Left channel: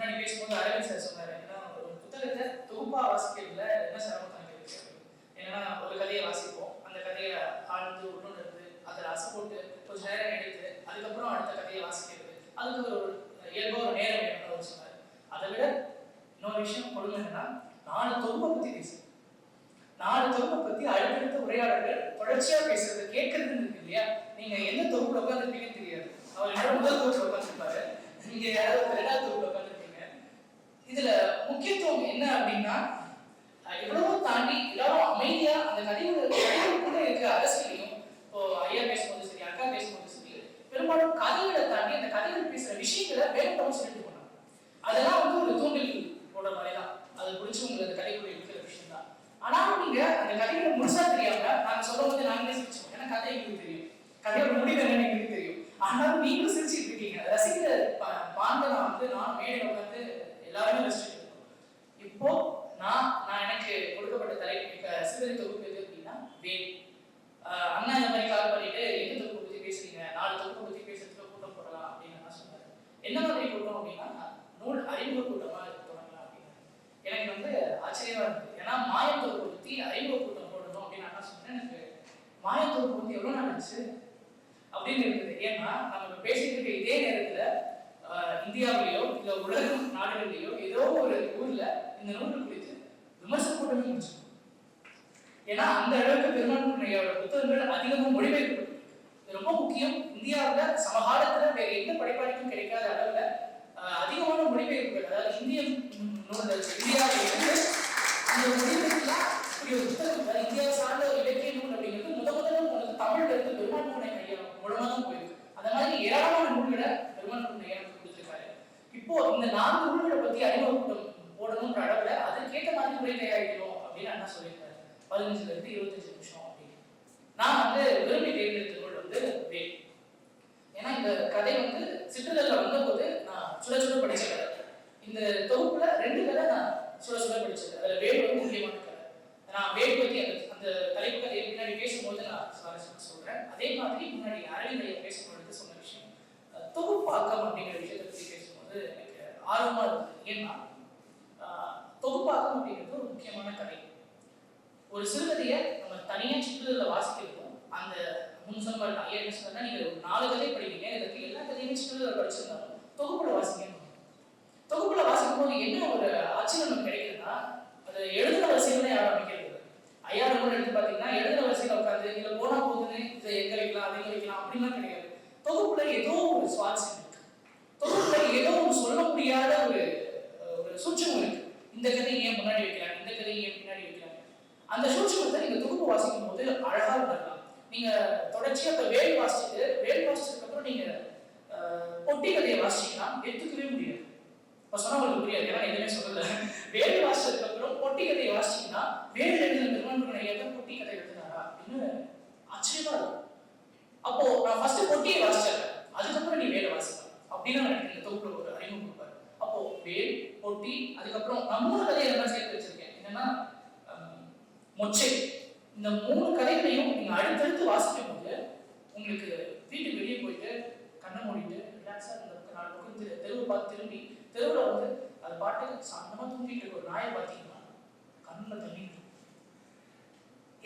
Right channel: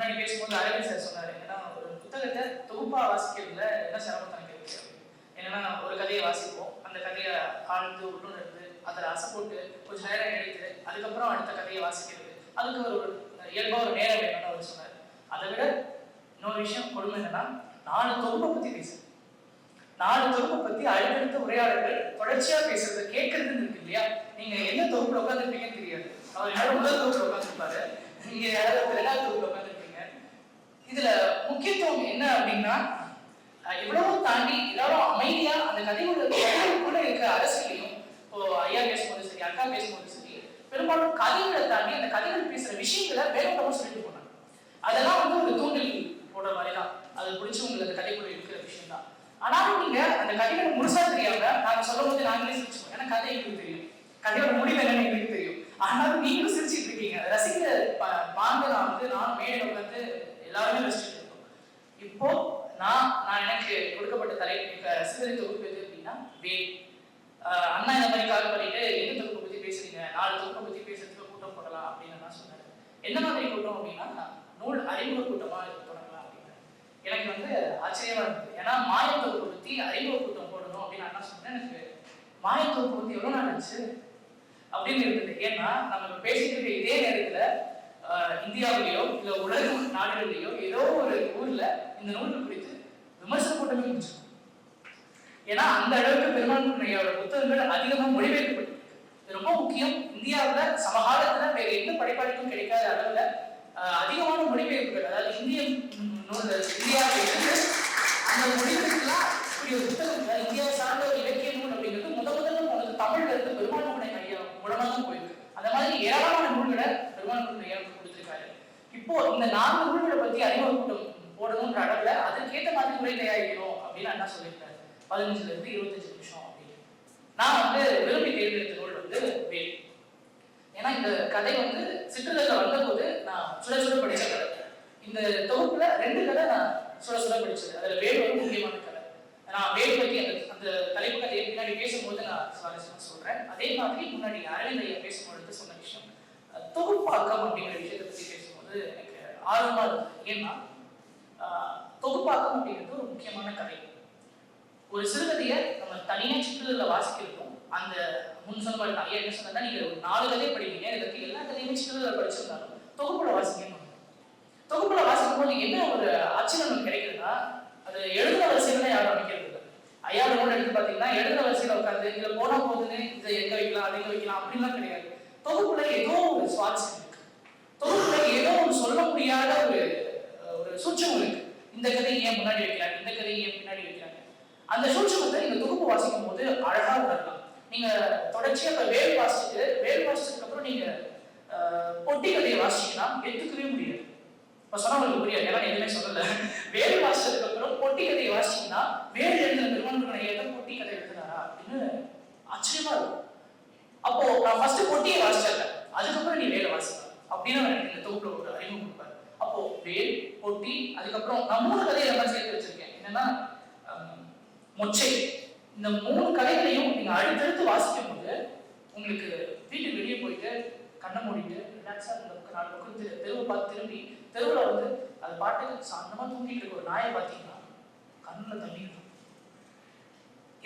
முன்னாடி பேசும்போது அரவிந்த் சார் சொன்னாரு, ஏன்னா ஒரு புத்தகத்தை தொகுப்பா வாசிக்கிறதுல என்ன சிரமம் தனக்கு இருக்கு. ஏன்னா ஒரு கதையை வாசிப்போம், அந்த கதையை ஆழ்ந்து உள்ளுணர்ந்து அதில் அசை போட்டு கொஞ்சம் நேரம் எடுத்து அதுக்கப்புறம் அடுத்த கதையை வாசிக்கிறது, அதுக்கு ஒரு இயல்பாக ஒரு நேரம் வேணும்னு அவர் சொன்னார். அதை விட இன்னொரு விஷயம் கொடுமை என்னன்னா, 4 தொகுப்பை பற்றி பேசுறது, 4 தொகுப்பை பற்றி அடுத்தடுத்த உரையாடல்கள் தொடர்ச்சியாக பேசுறது கேட்கறதுன்னு இருக்கு இல்லையா. நீங்க எந்த தொகுப்புல உட்காந்துருப்பீங்கன்னு தெரியாது. அவர் என்னோட முதல் தொகுப்புல உட்காந்துருப்பாரு, நீங்க யாராவது 2வது தொகுப்புல உட்காந்துருப்பீங்க. இதுல முக்கியத்துவம் என்ன அப்படின்னா, எவ்வளவு தாண்டி எல்லாரும் அமைதியா அந்த கதையோட இருக்கிற அரசியலையும், இப்போ ஐயா பேசும்போது சரி, அக்கா பேசும்போது சரி, பெரும்பாலும் கதைகளை தாண்டி அந்த கதைகள் பேசுற விஷயங்களை வேகப்படம் சொல்லிட்டு போனாங்க. அதெல்லாம் வந்து ஒரு தூண்டில் போடுற மாதிரி தான், அது பிடிச்சவங்களுக்கு அந்த கதைக்குள்ள இருக்கிற விஷயம் தான். ஆனாலும் நீங்க அந்த கதையோட முழுசா தெரியாம நாங்க சொல்லும் போது நாங்களே சிரிச்சோம், ஏன்னா கதை எங்களுக்கு தெரியும், கதையோட முடிவு என்னன்னு எங்களுக்கு தெரியும். ஆனாலும் நீங்களும் சிரிச்சுட்டு இருக்கீங்க. ரசிகர் பாங்க நான் மேடையில வந்து எல்லாருமே ரசிச்சுட்டு இருக்கோம். இப்போ நான் எனக்கு கொடுக்கப்பட்ட தலைப்பு சிறுகதை தொகுப்பு எது அப்படின்னா வேல். அண்ணா இந்த மாதிரி கால் பண்ணிட்டு எந்த தொகுப்பை பத்தி பேசுறீங்க, 4 தொகுப்பை பத்தி பேசுறதுக்கு கூட்டம் போடலாம் அப்படின்னு நான் சொன்னேன். என்ன மாதிரி கூட்டம் அப்படின்னா, நூல் அறிமுக கூட்டமா போடலாம் அப்படின்னு. எனக்கு வந்து ஆச்சரியமா இருந்தது. ஏன்னா மாயத்தொகுப்பை பத்தி அறிமுக கூட்டம் போடணும் அப்படின்னு அண்ணா சொன்னேன். எனக்கு மாயத்தொகுப்பை பத்தி எவ்வளவு நாள் ஆச்சு அப்படின்னு இருந்தது. ஏன்னா நம்ம பேசிட்டு இருக்க இதே நேரத்துல இந்தியாவிலேயோ இல்ல உலக நாடுகளிலேயோ ஏதோ ஒரு ஊர்ல இந்த நூல் குறித்து விமர்சன கூட்டமே முடிச்சு. ஏன்னா அந்த அளவுக்கு பெருமாள் புத்தகங்கள் அதிகமா மொழிபெயர்க்கப்பட்டு ரொம்ப முக்கியம். இந்தியாவில் சமகாலத்துல வேற எந்த படைப்பாளிக்கும் கிடைக்காத அளவுல அதிகமான மொழிபெயர்ப்புகள், அதாவது இந்திய நூல்கள் இந்தியாவில் இருந்து அந்த மொழிபெயர்ப்புலாம் இப்படி ஒரு புத்தகம் இந்தியாவை சார்ந்த ஒரு இலக்கிய நூல் அப்படிங்கிறது முதல்ல போனது தமிழ்ல இருந்து பெருமாள் ஐயா மூலமாக போயிருக்கு. அந்த மாதிரி ஏராளமான நூல்களை பெருமாள் ஐயா கொடுத்திருக்காரு. இப்போ இந்த 4 நூல்களை பத்தி அறிமுக கூட்டம் போடணும்ன்ற அளவுல அதுக்கேற்ற மாதிரி உரை தயாரிக்கணும் அப்படின்னு அண்ணா சொல்லியிருக்காரு. 15 இருந்து 25 நிமிஷம் அப்படின்னு. நான் வந்து விரும்பி தேர்ந்தெடுத்த நூல் வந்து வேல். ஏன்னா இந்த கதை வந்து சிற்றுதல்ல வந்தபோது நான் சுட சுட படிச்சேன். இந்த தொகுப்புல 2 கதை நான் சுட சுட படிச்சது. அதுல வேல் வந்து முக்கியமான கதை. நான் வேல் பத்தி அந்த தலைப்பு கதையை முன்னாடி பேசும்போது நான் சுவாரஸ்யமா சொல்றேன். அதே மாதிரி முன்னாடி அரவிந்த் பேசும்போது சொன்ன விஷயம் தொகுப்பாக்கம் அப்படிங்கிற விஷயத்தை பத்தி பேசும்போது எனக்கு ஆர்வமா இருந்தது. ஏன்னா தொகுப்பாக்கம் அப்படிங்கிறது ஒரு முக்கியமான கதை. ஒரு சிறுகதையை நம்ம தனியா சிற்றுதல்ல வாசிக்கிறதும், அந்த முன்சொன்ன ஐயா என்ன சொன்னா, நீங்க 4 கதை படிக்கிறீங்க, இதுக்கு எல்லா கதையுமே சிற்றுதல்ல படிச்சிருந்தாலும் தொகுப்புல வாசிக்கணும். தொகுப்புல வாசிக்கும் போது என்ன ஒரு ஆச்சரியம் கிடைக்குதுன்னா, அது எழுதுற வரிசையில தான் யாரும் அமைக்கிறது. ஐயா நோட் எடுத்து பாத்தீங்கன்னா எழுதுற வரிசையில உட்காந்து இதுல போனா போதுன்னு இதை எங்க வைக்கலாம் அதை எங்க வைக்கலாம் அப்படின்லாம் கிடையாது. தொகுப்புல ஏதோ ஒரு சுவாரஸ்யம் இருக்கு, தொகுப்புல ஏதோ ஒரு சொல்ல முடியாத ஒரு சூட்சம் இருக்கு. இந்த கதையை ஏன் முன்னாடி வைக்கிறாங்க, இந்த கதையை ஏன் பின்னாடி வைக்கிறாங்க, அந்த சூட்சமத்தை நீங்க தொகுப்பு வாசிக்கும் போது அழகா உணரலாம். நீங்க தொடர்ச்சியா இப்ப வேல் வாசிச்சதுக்கு அப்புறம் நீங்க பொட்டி கதையை வாசிச்சீங்கன்னா எடுத்துக்கவே முடியாது. இப்ப சொன்னா உங்களுக்கு புரியாது, ஏன்னா எதுவுமே சொல்லல. வேல் வாசிச்சதுக்கு அப்புறம் பொட்டி கதையை வாசிச்சீங்கன்னா வேல் எழுதின திருமணம் எதை பொட்டி கதை எழுதுனாரா அப்படின்னு ஆச்சரியமா இருக்கும். அப்போ நான் ஃபர்ஸ்ட் பொட்டியை வாசிச்சேன், அதுக்கப்புறம் நீ வேலை வாசிக்கலாம் அப்படின்னு எனக்கு இந்த தொகுப்புல ஒரு அறிமுகம் கொடுப்பாரு. அப்போ வேல், பொட்டி, அதுக்கப்புறம் நான் 3 கதையை எல்லாம் சேர்த்து வச்சிருக்கேன். என்னன்னா மொச்சை. இந்த 3 கதைகளையும் நீங்க அடுத்தடுத்து வாசிக்கும் போது உங்களுக்கு வீட்டுக்கு வெளியே போயிட்டு கண்ணை மூடிட்டு ரிலாக்ஸா 4 பக்கம் தெருவை பார்த்து திரும்பி தெருவில் வந்து அது பாட்டுக்கு சாந்தமா தூக்கிட்டு இருக்க ஒரு நாயை பார்த்தீங்கன்னா கண்ணுல தண்ணி இருக்கும்.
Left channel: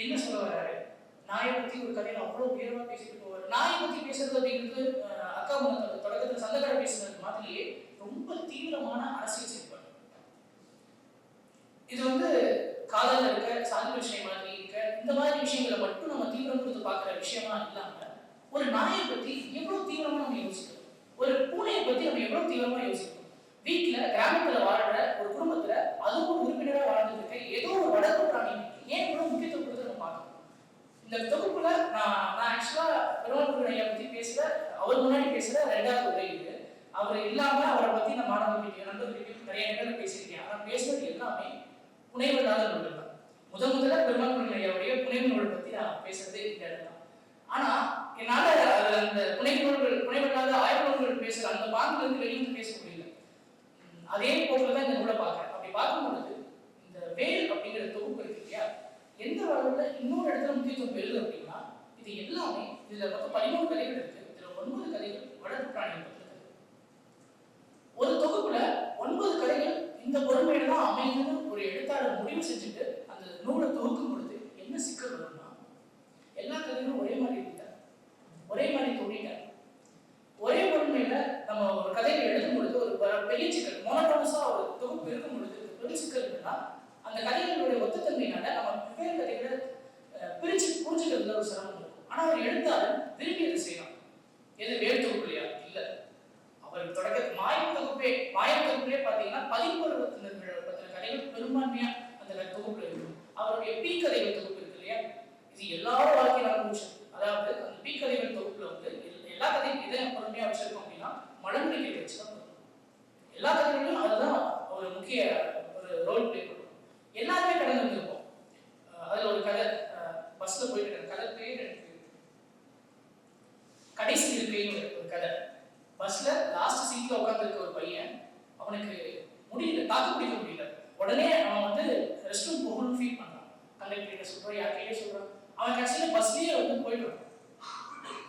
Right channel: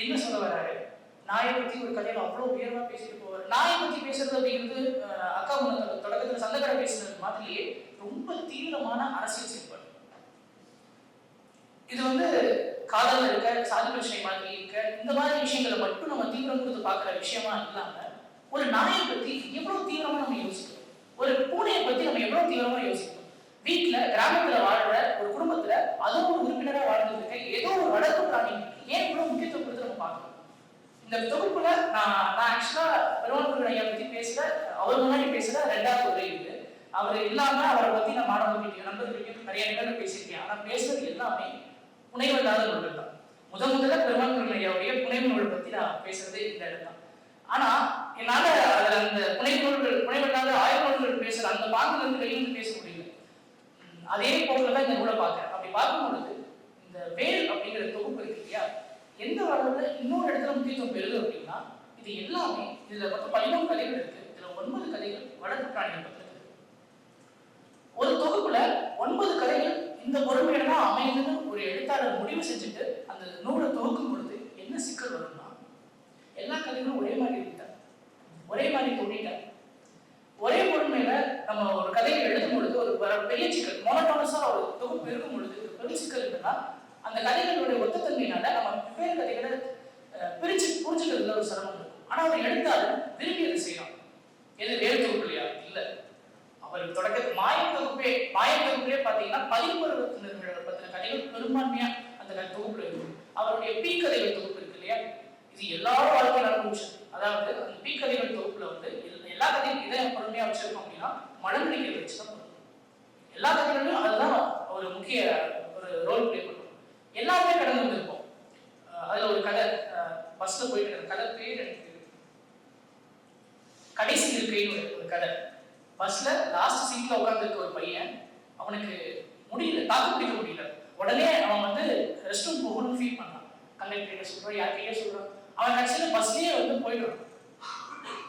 என்ன சொல்ல வர்றாரு, நாயை பத்தி ஒரு கதையில அவ்வளவு உயர்வா பேசிட்டு போவார். நாயை பத்தி பேசுறது அப்படிங்கிறது அக்கா தொடக்கத்துல சந்தகரை பேசுறது மாதிரியே ரொம்ப தீவிரமான அரசியல் செயல்பாடு. இது வந்து காதல் இருக்க, சாதி பிரச்சனை மாதிரி இருக்க, இந்த மாதிரி விஷயங்களை மட்டும் நம்ம தீவிரம் கொடுத்து பார்க்கிற விஷயமா இல்லாம ஒரு நாயை பத்தி எவ்வளவு தீவிரமா நம்ம யோசிக்கிறோம், ஒரு பூனையை பத்தி நம்ம எவ்வளவு தீவிரமா யோசிக்கிறோம். வீட்டுல கிராமத்துல வாழ்ற ஒரு குடும்பத்துல அதுவும் ஒரு உறுப்பினரா வாழ்ந்துட்டு இருக்க ஏதோ ஒரு வளர்ப்பு பிராணி ஏன் இவ்வளவு முக்கியத்துவம் கொடுத்து நம்ம பார்க்கணும். இந்த தொகுப்புல நான் ஆக்சுவலா பெருமாள் ஐயா பத்தி பேசுற, அவர் முன்னாடி பேசுற 2வது உரை இது. அவர் இல்லாம அவரை பத்தி நான் மாணவர்களுக்கு நண்பர்களுக்கு நிறைய இடங்கள் பேசியிருக்கேன். ஆனா பேசுறது எல்லாமே புனைவெல்லாத நூல்கள் தான். முதல்ல பெருமாள் ஐயாவுடைய புனைவு நூல் பத்தி நான் பேசுறதே இந்த இடம் தான். ஆனா என்னால அந்த புனைவெல்லாத ஆய்வு நூல்கள் பேசுற அந்த பாங்கில இருந்து வெளியிருந்து பேச முடியல. அதே போலதான் இந்த நூலை பார்க்க. அப்படி பார்க்கும் பொழுது இந்த வேல் அப்படிங்கிற தொகுப்பு இருக்கு இல்லையா, எந்த வகையில இன்னொரு இடத்துல முக்கியத்துவம் பெறுது அப்படின்னா, இது எல்லாமே இதுல மொத்தம் 13 கதைகள் இருக்கு. இதுல 9 கதைகள் வடக்கு பிராணிகள் பத்தி. ஒரு தொகுப்புல 9 என்னன்னா அந்த கதைகளுடைய ஒத்தத்தன்மையினால நம்ம வெவ்வேறு கதைகளை பிரிச்சு புரிஞ்சுக்கிறதுல ஒரு சிரமம் இருக்கும். ஆனா அவர் எழுத்தாளர் விரும்பி அதை செய்யலாம். எது எழுத்து இல்லையா? இல்ல, அவர் தொடக்க மாயத்தொகுப்பே பாத்தீங்கன்னா 11 பத்தின கதைகள் பெரும்பான்மையா அந்த தொகுப்புல இருக்கு. அவருடைய பீக்கதைகள் தொகுப்பு இருக்கு இல்லையா, இது எல்லா வாழ்க்கையும் நடந்த விஷயம். அதாவது அந்த பீக்கதைகள் தொகுப்புல வந்து எல்லா கதையும் இதை பொறுமையா வச்சிருக்கோம் அப்படின்னா மழங்கடிகளை வச்சுதான் எல்லா கதைகளிலும் அதுதான் ஒரு முக்கிய ஒரு ரோல் பிளே பண்ணும். எல்லாருமே கடந்து வந்திருப்போம். அதுல ஒரு கதை பஸ்ல போயிட்டு கதை பேர் எனக்கு கடைசி இருக்கைன்னு ஒரு கதை. பஸ்ல லாஸ்ட் சீட்ல உட்கார்ந்துருக்க ஒரு பையன், அவனுக்கு முடியல, தாக்கு பிடிக்க முடியல. உடனே அவன் வந்து ரெஸ்ட் ரூம் போகணும்னு ஃபீல் பண்ணான். கண்டக்டர் சொல்றான், யார்கிட்டயே சொல்றான். அவன் ஆக்சுவலி பஸ்லயே வந்து போயிடுவான்.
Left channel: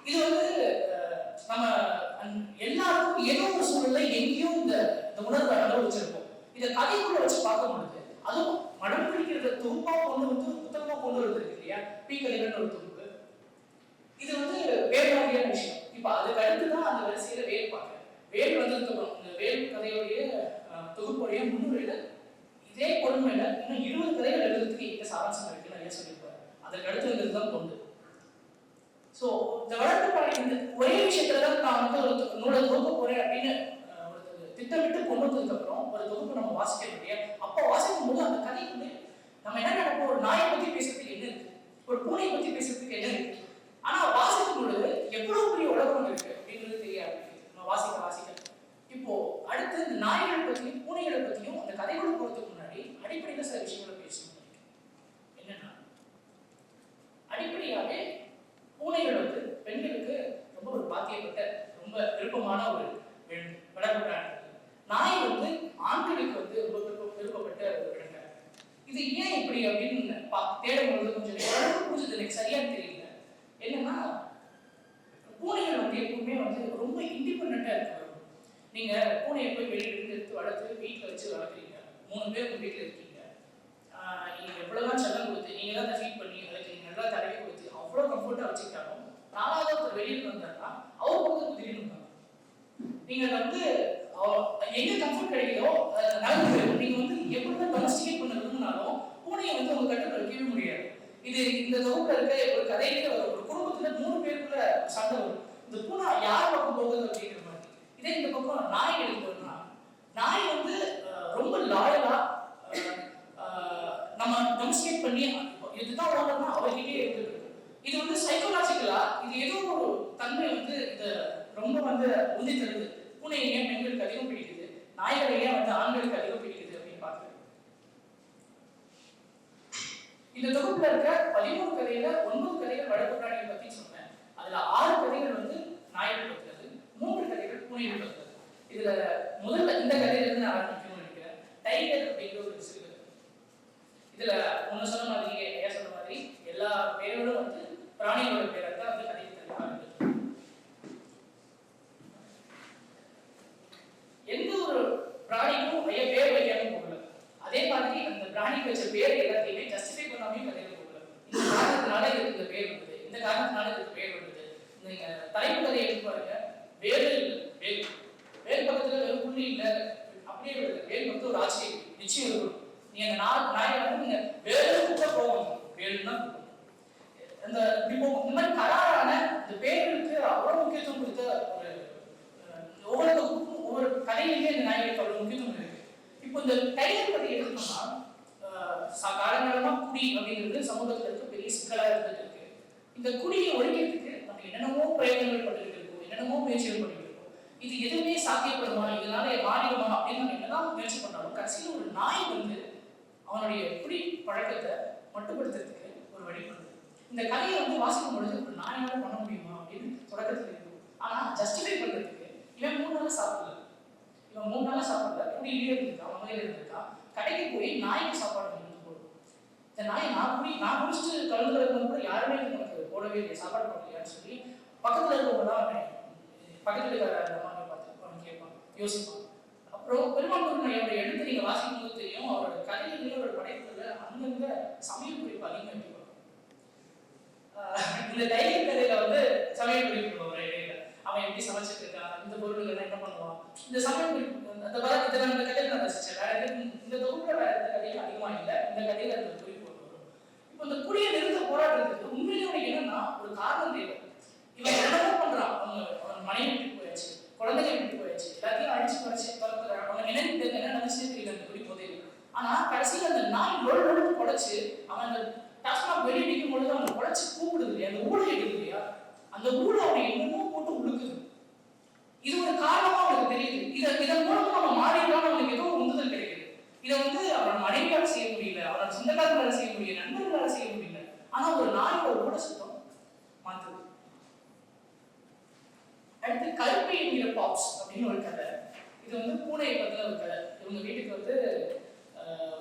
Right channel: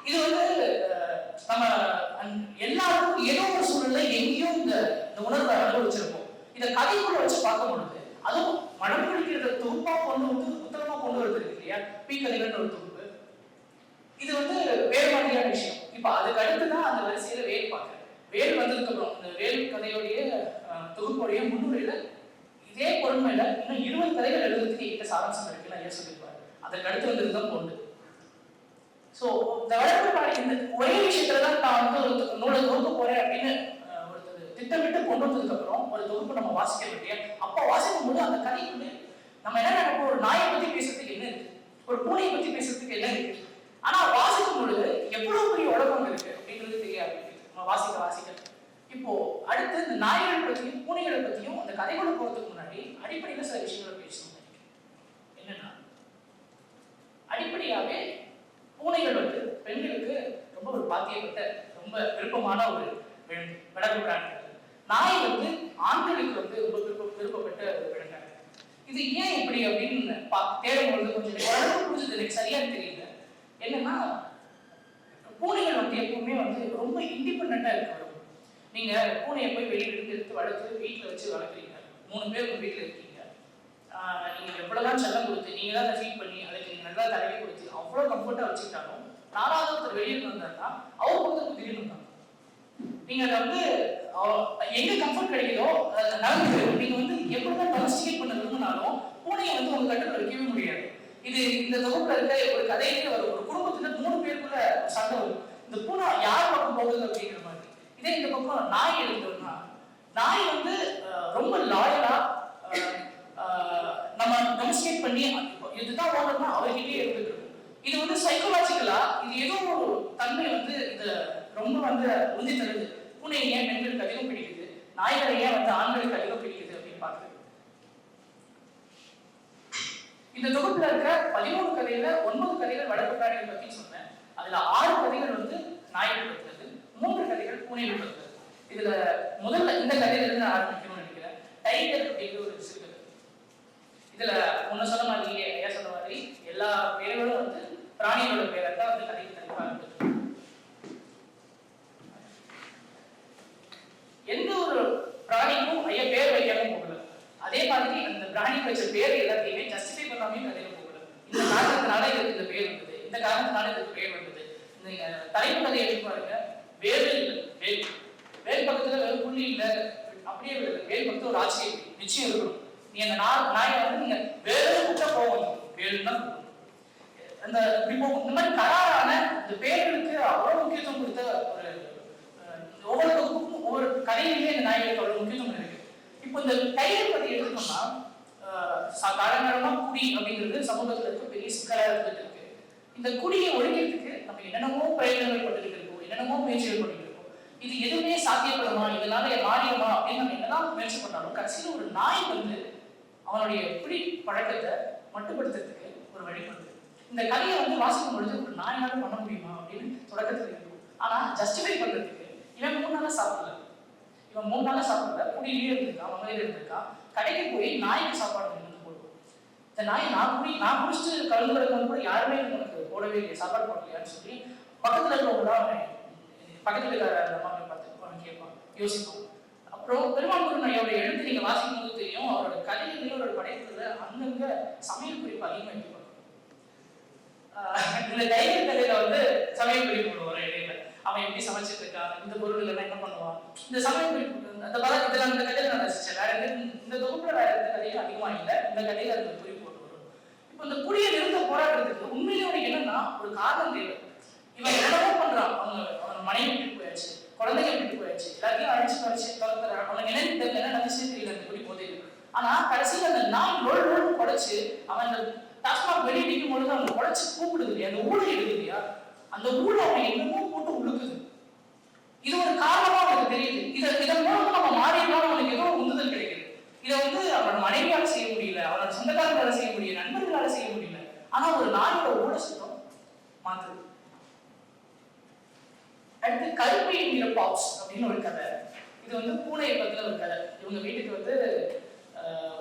இது வந்து நம்ம எல்லாரும் ஏதோ ஒரு சூழல்ல எங்கேயும் இந்த உணர்வை அனுபவிச்சிருப்போம். இதை கதைக்குள்ள வச்சு பார்க்க முடியுது. அதுவும் மனம் பிடிக்கிற தொகுப்பா கொண்டு வந்து புத்தகமா கொண்டு வருது இல்லையா, பீக்கதைகள் ஒரு தொகுப்பு. இது வந்து வேறு மாதிரியான விஷயம். இப்ப அதுக்கு அடுத்துதான் அந்த வரிசையில வேல் பார்க்க வேல் வந்திருக்கிறோம். இந்த வேல் கதையுடைய தொகுப்புடைய முன்னுரையில இதே பொறுமையில இன்னும் 20 கதைகள் எழுதுறதுக்கு எங்க சாராம்சம் இருக்குன்னு ஐயா சொல்லியிருப்பாரு. அதற்கு அடுத்து வந்ததுதான் பொண்ணு. சோ இந்த வளர்ப்பு பாடி இந்த ஒரே விஷயத்துலதான் நான் வந்து ஒரு நூலை தொகுப்பு போறேன் அப்படின்னு ஒரு திட்டமிட்டு கொண்டு வந்ததுக்கு அப்புறம் ஒரு தொகுப்பு நம்ம வாசிக்க வேண்டிய அப்போ வாசிக்கும் போது அந்த கதை வந்து நம்ம என்ன நினைப்போம், ஒரு நாயை பத்தி பேசுறதுக்கு என்ன இருக்கு, ஒரு பூனையை பத்தி பேசுறதுக்கு என்ன இருக்கு. ஆனா வாசிக்கும் பொழுது எவ்வளவு பெரிய உலகம் இருக்கு அப்படிங்கிறது தெரியாது நம்ம வாசிக்க. இப்போ அடுத்து இந்த நாய்களை பத்தியும் பூனைகளை பத்தியும் அந்த கதைகளை போறதுக்கு முன்னாடி அடிப்படையில சில விஷயங்களை பேசணும். என்னன்னா அடிப்படையாவே பூனைகள் வந்து பெண்களுக்கு ரொம்ப ஒரு பாக்கியப்பட்ட ரொம்ப விருப்பமான ஒரு விலங்கு பிராணி. நாய் வந்து ஆண்களுக்கு வந்து ரொம்ப விருப்பப்பட்ட ஒரு விலங்கு. இது ஏன் இப்படி அப்படின்னு தேடும்போது கொஞ்சம் புரிஞ்சது எனக்கு சரியா தெரியல. என்னன்னா பூனைகள் வந்து எப்பவுமே வந்து ரொம்ப இண்டிபெண்டா இருக்காங்க. நீங்க பூனையை போய் வெளியில எடுத்து வளர்த்து வீட்டுல வச்சு வளர்க்குறீங்க, 3 பேர் உங்க வீட்டுல இருக்கீங்க. நீங்க எவ்வளவுதான் செல்லம் கொடுத்து நீங்க தான் அதை ஃபீட் பண்ணி அதுக்கு நீங்க நல்லா தடவை கொடுத்து அவ்வளவு கம்ஃபர்ட்டா வச்சுக்கிட்டாலும் 4வது ஒருத்தர் வெளியில வந்தாருன்னா அவர் வந்து திடீர்னு வந்தாங்க. நீங்க அதை வந்து எங்க கம்ஃபர்ட் கிடைக்குதோ நடந்து நீங்க வந்து எப்படிதான் டொமஸ்டிகேட் பண்ண விரும்பினாலும் பூனையை வந்து உங்க கட்டுக்குள்ள வைக்கவே முடியாது. இது இந்த தொகுப்புல இருக்க ஒரு கதையில ஒரு குடும்பத்துல 3 பேருக்குள்ள சண்டை வரும். இந்த பூனை யார் பக்கம் போகுது அப்படிங்கிற மாதிரி. இதே இந்த பக்கம் நாய் எடுத்தோம்னா நாய் வந்து ரொம்ப லாயலா நம்ம டொமஸ்டிகேட் பண்ணி இதுதான் ஓடணும்னா அவர்கிட்டயே இருந்துருக்கு. இது வந்து சைக்கோலாஜிக்கலா இது ஏதோ ஒரு தன்மை வந்து இது ரொம்ப வந்து உந்தி தருது. பூனையை ஏன் பெண்களுக்கு அதிகம் பிடிக்குது, நாய்களை ஏன் வந்து ஆண்களுக்கு அதிகம் பிடிக்குது அப்படின்னு பார்க்குறது. இந்த தொகுப்புல இருக்க 13 கதையில 9 கதைகள் வளர்ப்பு பிராணிகள் பத்தி சொன்னேன். அதுல 6 கதைகள் வந்து நாய்கள் பத்தினது, 3 கதைகள் பூனைகள் பத்தினது. இதுல முதல்ல இந்த கதையில இருந்து ஆரம்பிக்கணும்னு நினைக்கிறேன். டைகர் அப்படிங்கிற ஒரு சிறு. இதுல முன்ன சொன்ன மாதிரி ஏன் சொன்ன மாதிரி எல்லா பேர்களும் வந்து பிராணிகளோட பேரை தான் வந்து கதைக்கு தருவாங்க. எந்த ஒரு பிராணிக்கும் ஐயா பேர் வைக்காம போகல. அதே மாதிரி அந்த பிராணிக்கு வச்ச பேர் எல்லாத்தையுமே ஜஸ்டிஃபை பண்ணாமே கதையில போகல. இந்த காரணத்தினால இதுக்கு இந்த பேர் வந்தது, இந்த காரணத்தினால இதுக்கு பேர் வந்தது. இந்த தலைப்பு கதையை எடுத்து பாருங்க. வேல் வேல் வேல் பக்கத்துல வேறு புள்ளி இல்லை, அப்படியே வேல் பக்கத்துல ஒரு ஆச்சரியம் நிச்சயம் இருக்கணும். நீ அந்த நாயை வந்து நீங்க வேறு கூட்ட போகணும், வேலுன்னு தான் அந்த இப்போ இந்த மாதிரி கராரான இந்த பேர்களுக்கு அவ்வளவு முக்கியத்துவம் கொடுத்த ஒரு ஒவ்வொரு கதையிலுமே இந்த நாய்களோட முக்கியத்துவம் இருக்கு. இப்போ இந்த டைகர் பத்தி எடுத்தோம்னா காலங்காலமா குடி அப்படிங்கிறது சமூகத்துல இருக்க பெரிய சிக்கலா இருந்துட்டு இருக்கு. இந்த குடியை ஒழிக்கிறதுக்கு நம்ம என்னென்னமோ பிரயோகங்கள் பண்ணிட்டு இருக்கோம், என்னென்னமோ முயற்சிகள் பண்ணிட்டு இருக்கோம். இது எதுவுமே சாத்தியப்படுமா, இதனால மாறிடுமா அப்படின்னு நம்ம என்னதான் முயற்சி பண்ணாலும் கடைசியில் ஒரு நாய் வந்து அவனுடைய குடி பழக்கத்தை மட்டுப்படுத்துறதுக்கு ஒரு வழிபடுது. இந்த கதையை வந்து வாசிக்கும் பொழுது ஒரு நாயால பண்ண முடியுமா அப்படின்னு தொடக்கத்தில் இருக்கும். ஆனா ஜஸ்டிஃபை பண்றதுக்கு இவன் 3 நாளா சாப்பிடல, குடியிலேயே இருந்திருக்கான், வகையில இருந்திருக்கான். கடைக்கு போய் நாய்க்கு சாப்பாடு போடுவோம். இந்த நாய் நான் குடிச்சிட்டு கலந்து எடுக்கும் கூட யாருமே எனக்கு போடவே இல்லையா, சாப்பாடு போடலையான்னு சொல்லி பக்கத்துல இருக்கவங்க பக்கத்துல இருக்கிற அம்மாவை பார்த்து கேட்பான், யோசிப்பான். அப்புறம் பெருமாள் முருகனையோட எழுத்து நீங்க வாசிக்கும் போது தெரியும், அவரோட கதையிலேயே அவரோட படைப்புல அங்கங்க சமையல் குறிப்பு அதிகமாக வைப்பாங்க. இந்த டைகர் கதையில வந்து சமையல் குறிப்பு வரும் இடையில. அவன் எப்படி சமைச்சிட்டு இருக்கான், இந்த பொருள் எல்லாம் என்ன பண்ணுவான், இந்த சமையல் அந்த பலம் இதெல்லாம் இந்த கதையில நான் ரசிச்சேன். வேற இந்த தொகுப்புல வேற எந்த கதையும் அதிகமா இல்லை, இந்த கதையில அந்த குறிப்பு வரும். இப்போ இந்த குடியை நிறுத்த போராடுறதுக்கு உண்மையிலே அவனுக்கு என்னன்னா ஒரு காரணம் தேவை. இவன் என்னவோ பண்றான், அவன் மனைவி விட்டு போயாச்சு, குழந்தைங்க விட்டு போயாச்சு, எல்லாத்தையும் அடிச்சு கலப்புறான். அவன் நினைத்து என்ன நினைச்சு தெரியல அந்த குடி போதையில். ஆனா கடைசியில் அந்த நாய் நொழு குடைச்சு அவன் அந்த டாஸ்மாக் வெளியே நிற்கும் பொழுது அவன் குடைச்சு கூப்பிடுது இல்லையா, அந்த ஊழல் எடுக்குது இல்லையா, அந்த ஊழல் அவன் என்னமோ போட்டு உழுக்குது. இது ஒரு காரணமா அவனுக்கு தெரியுது. இதன் மூலமா நம்ம மாறினாலும் அவனுக்கு ஏதோ ஒரு உந்துதல் கிடைக்குது. இதை அவன் மனைவியால செய்ய முடியல, அவனோட சொந்தக்காரங்களால செய்ய முடியல, நண்பர்களால செய்ய முடியல. ஆனா ஒரு நாயோட ஊழ சுத்தம் மாத்துது. அடுத்து கல்வி என்கிற பாப்ஸ் அப்படின்னு ஒரு கதை. இது பூனையை பத்தின ஒரு கதை. இவங்க வீட்டுக்கு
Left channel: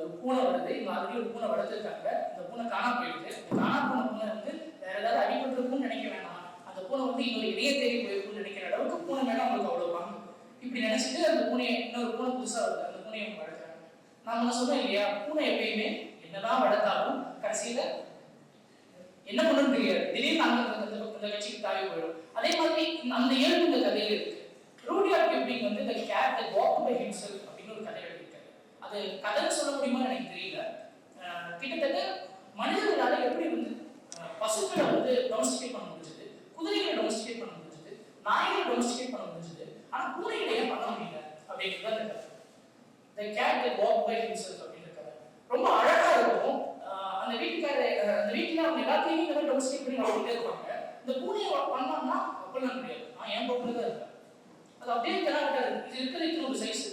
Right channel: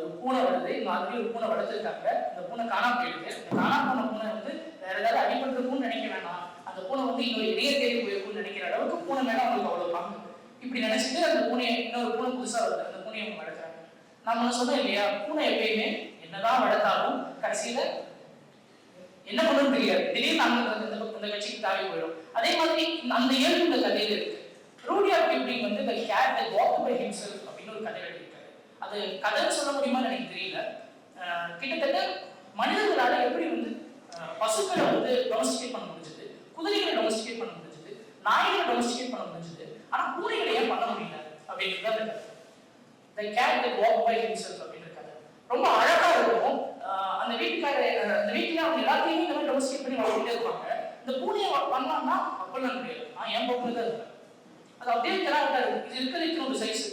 ஒரு பூனை வருது. இவங்க ஆல்ரெடி ஒரு பூனை வளர்த்துருக்காங்க. அந்த பூனை காணாம போயிடுது. காணாம போன பூனை வேற ஏதாவது அடிபட்டுருக்கும்னு நினைக்க வேணாம், அந்த பூனை இன்னொரு இடையே தேடி போயிருக்கும்னு நினைக்கிற அளவுக்கு பூனை மேல அவங்களுக்கு அவ்வளவு பாங்க. இப்படி நினைச்சிட்டு அந்த பூனையை இன்னொரு பூனை புதுசா வருது, அந்த பூனையை அவங்க வளர்க்குறாங்க. நம்ம சொன்னோம் இல்லையா, பூனை எப்பயுமே என்னதான் வளர்த்தாலும் கடைசியில என்ன பண்ணுன்னு தெரியாது, திடீர்னு அந்த கட்சிக்கு தாவி போயிடும். அதே மாதிரி அந்த இயல்பு இந்த கதையில இருக்கு. ரூடியார்ட் Kipling the cat that walked by himself அப்படின்னு ஒரு கதை எழுதியிருக்காரு. அது கதை சொல்ல முடியுமான்னு எனக்கு தெரியல. கிட்டத்தட்ட மனிதர்களால எப்படி பசுக்களை டொமஸ்டிகேட் பண்ண முடிஞ்சது, குதிரைகளை டொமஸ்டிகேட் பண்ண முடிஞ்சது, நாய்களை டொமஸ்டிகேட் பண்ண முடிஞ்சது, ஆனா பூனைகளை ஏன் பண்ண முடியல அப்படின்றது அந்த கதை. The cat that walked by himself அப்படின்னு கதை ரொம்ப அழகா இருக்கும். அந்த வீட்டுல அவங்க எல்லாத்தையும் இந்த மாதிரி டொமஸ்டிகேட் பண்ணி வளர்த்துட்டே இருப்பாங்க. இந்த பூனையை பண்ணாங்கன்னா அப்பெல்லாம் முடியாது. என் பக்கம் தான் அது அப்படியே தராங்க. இது இருக்கிறதுக்கு ஒரு சைஸ்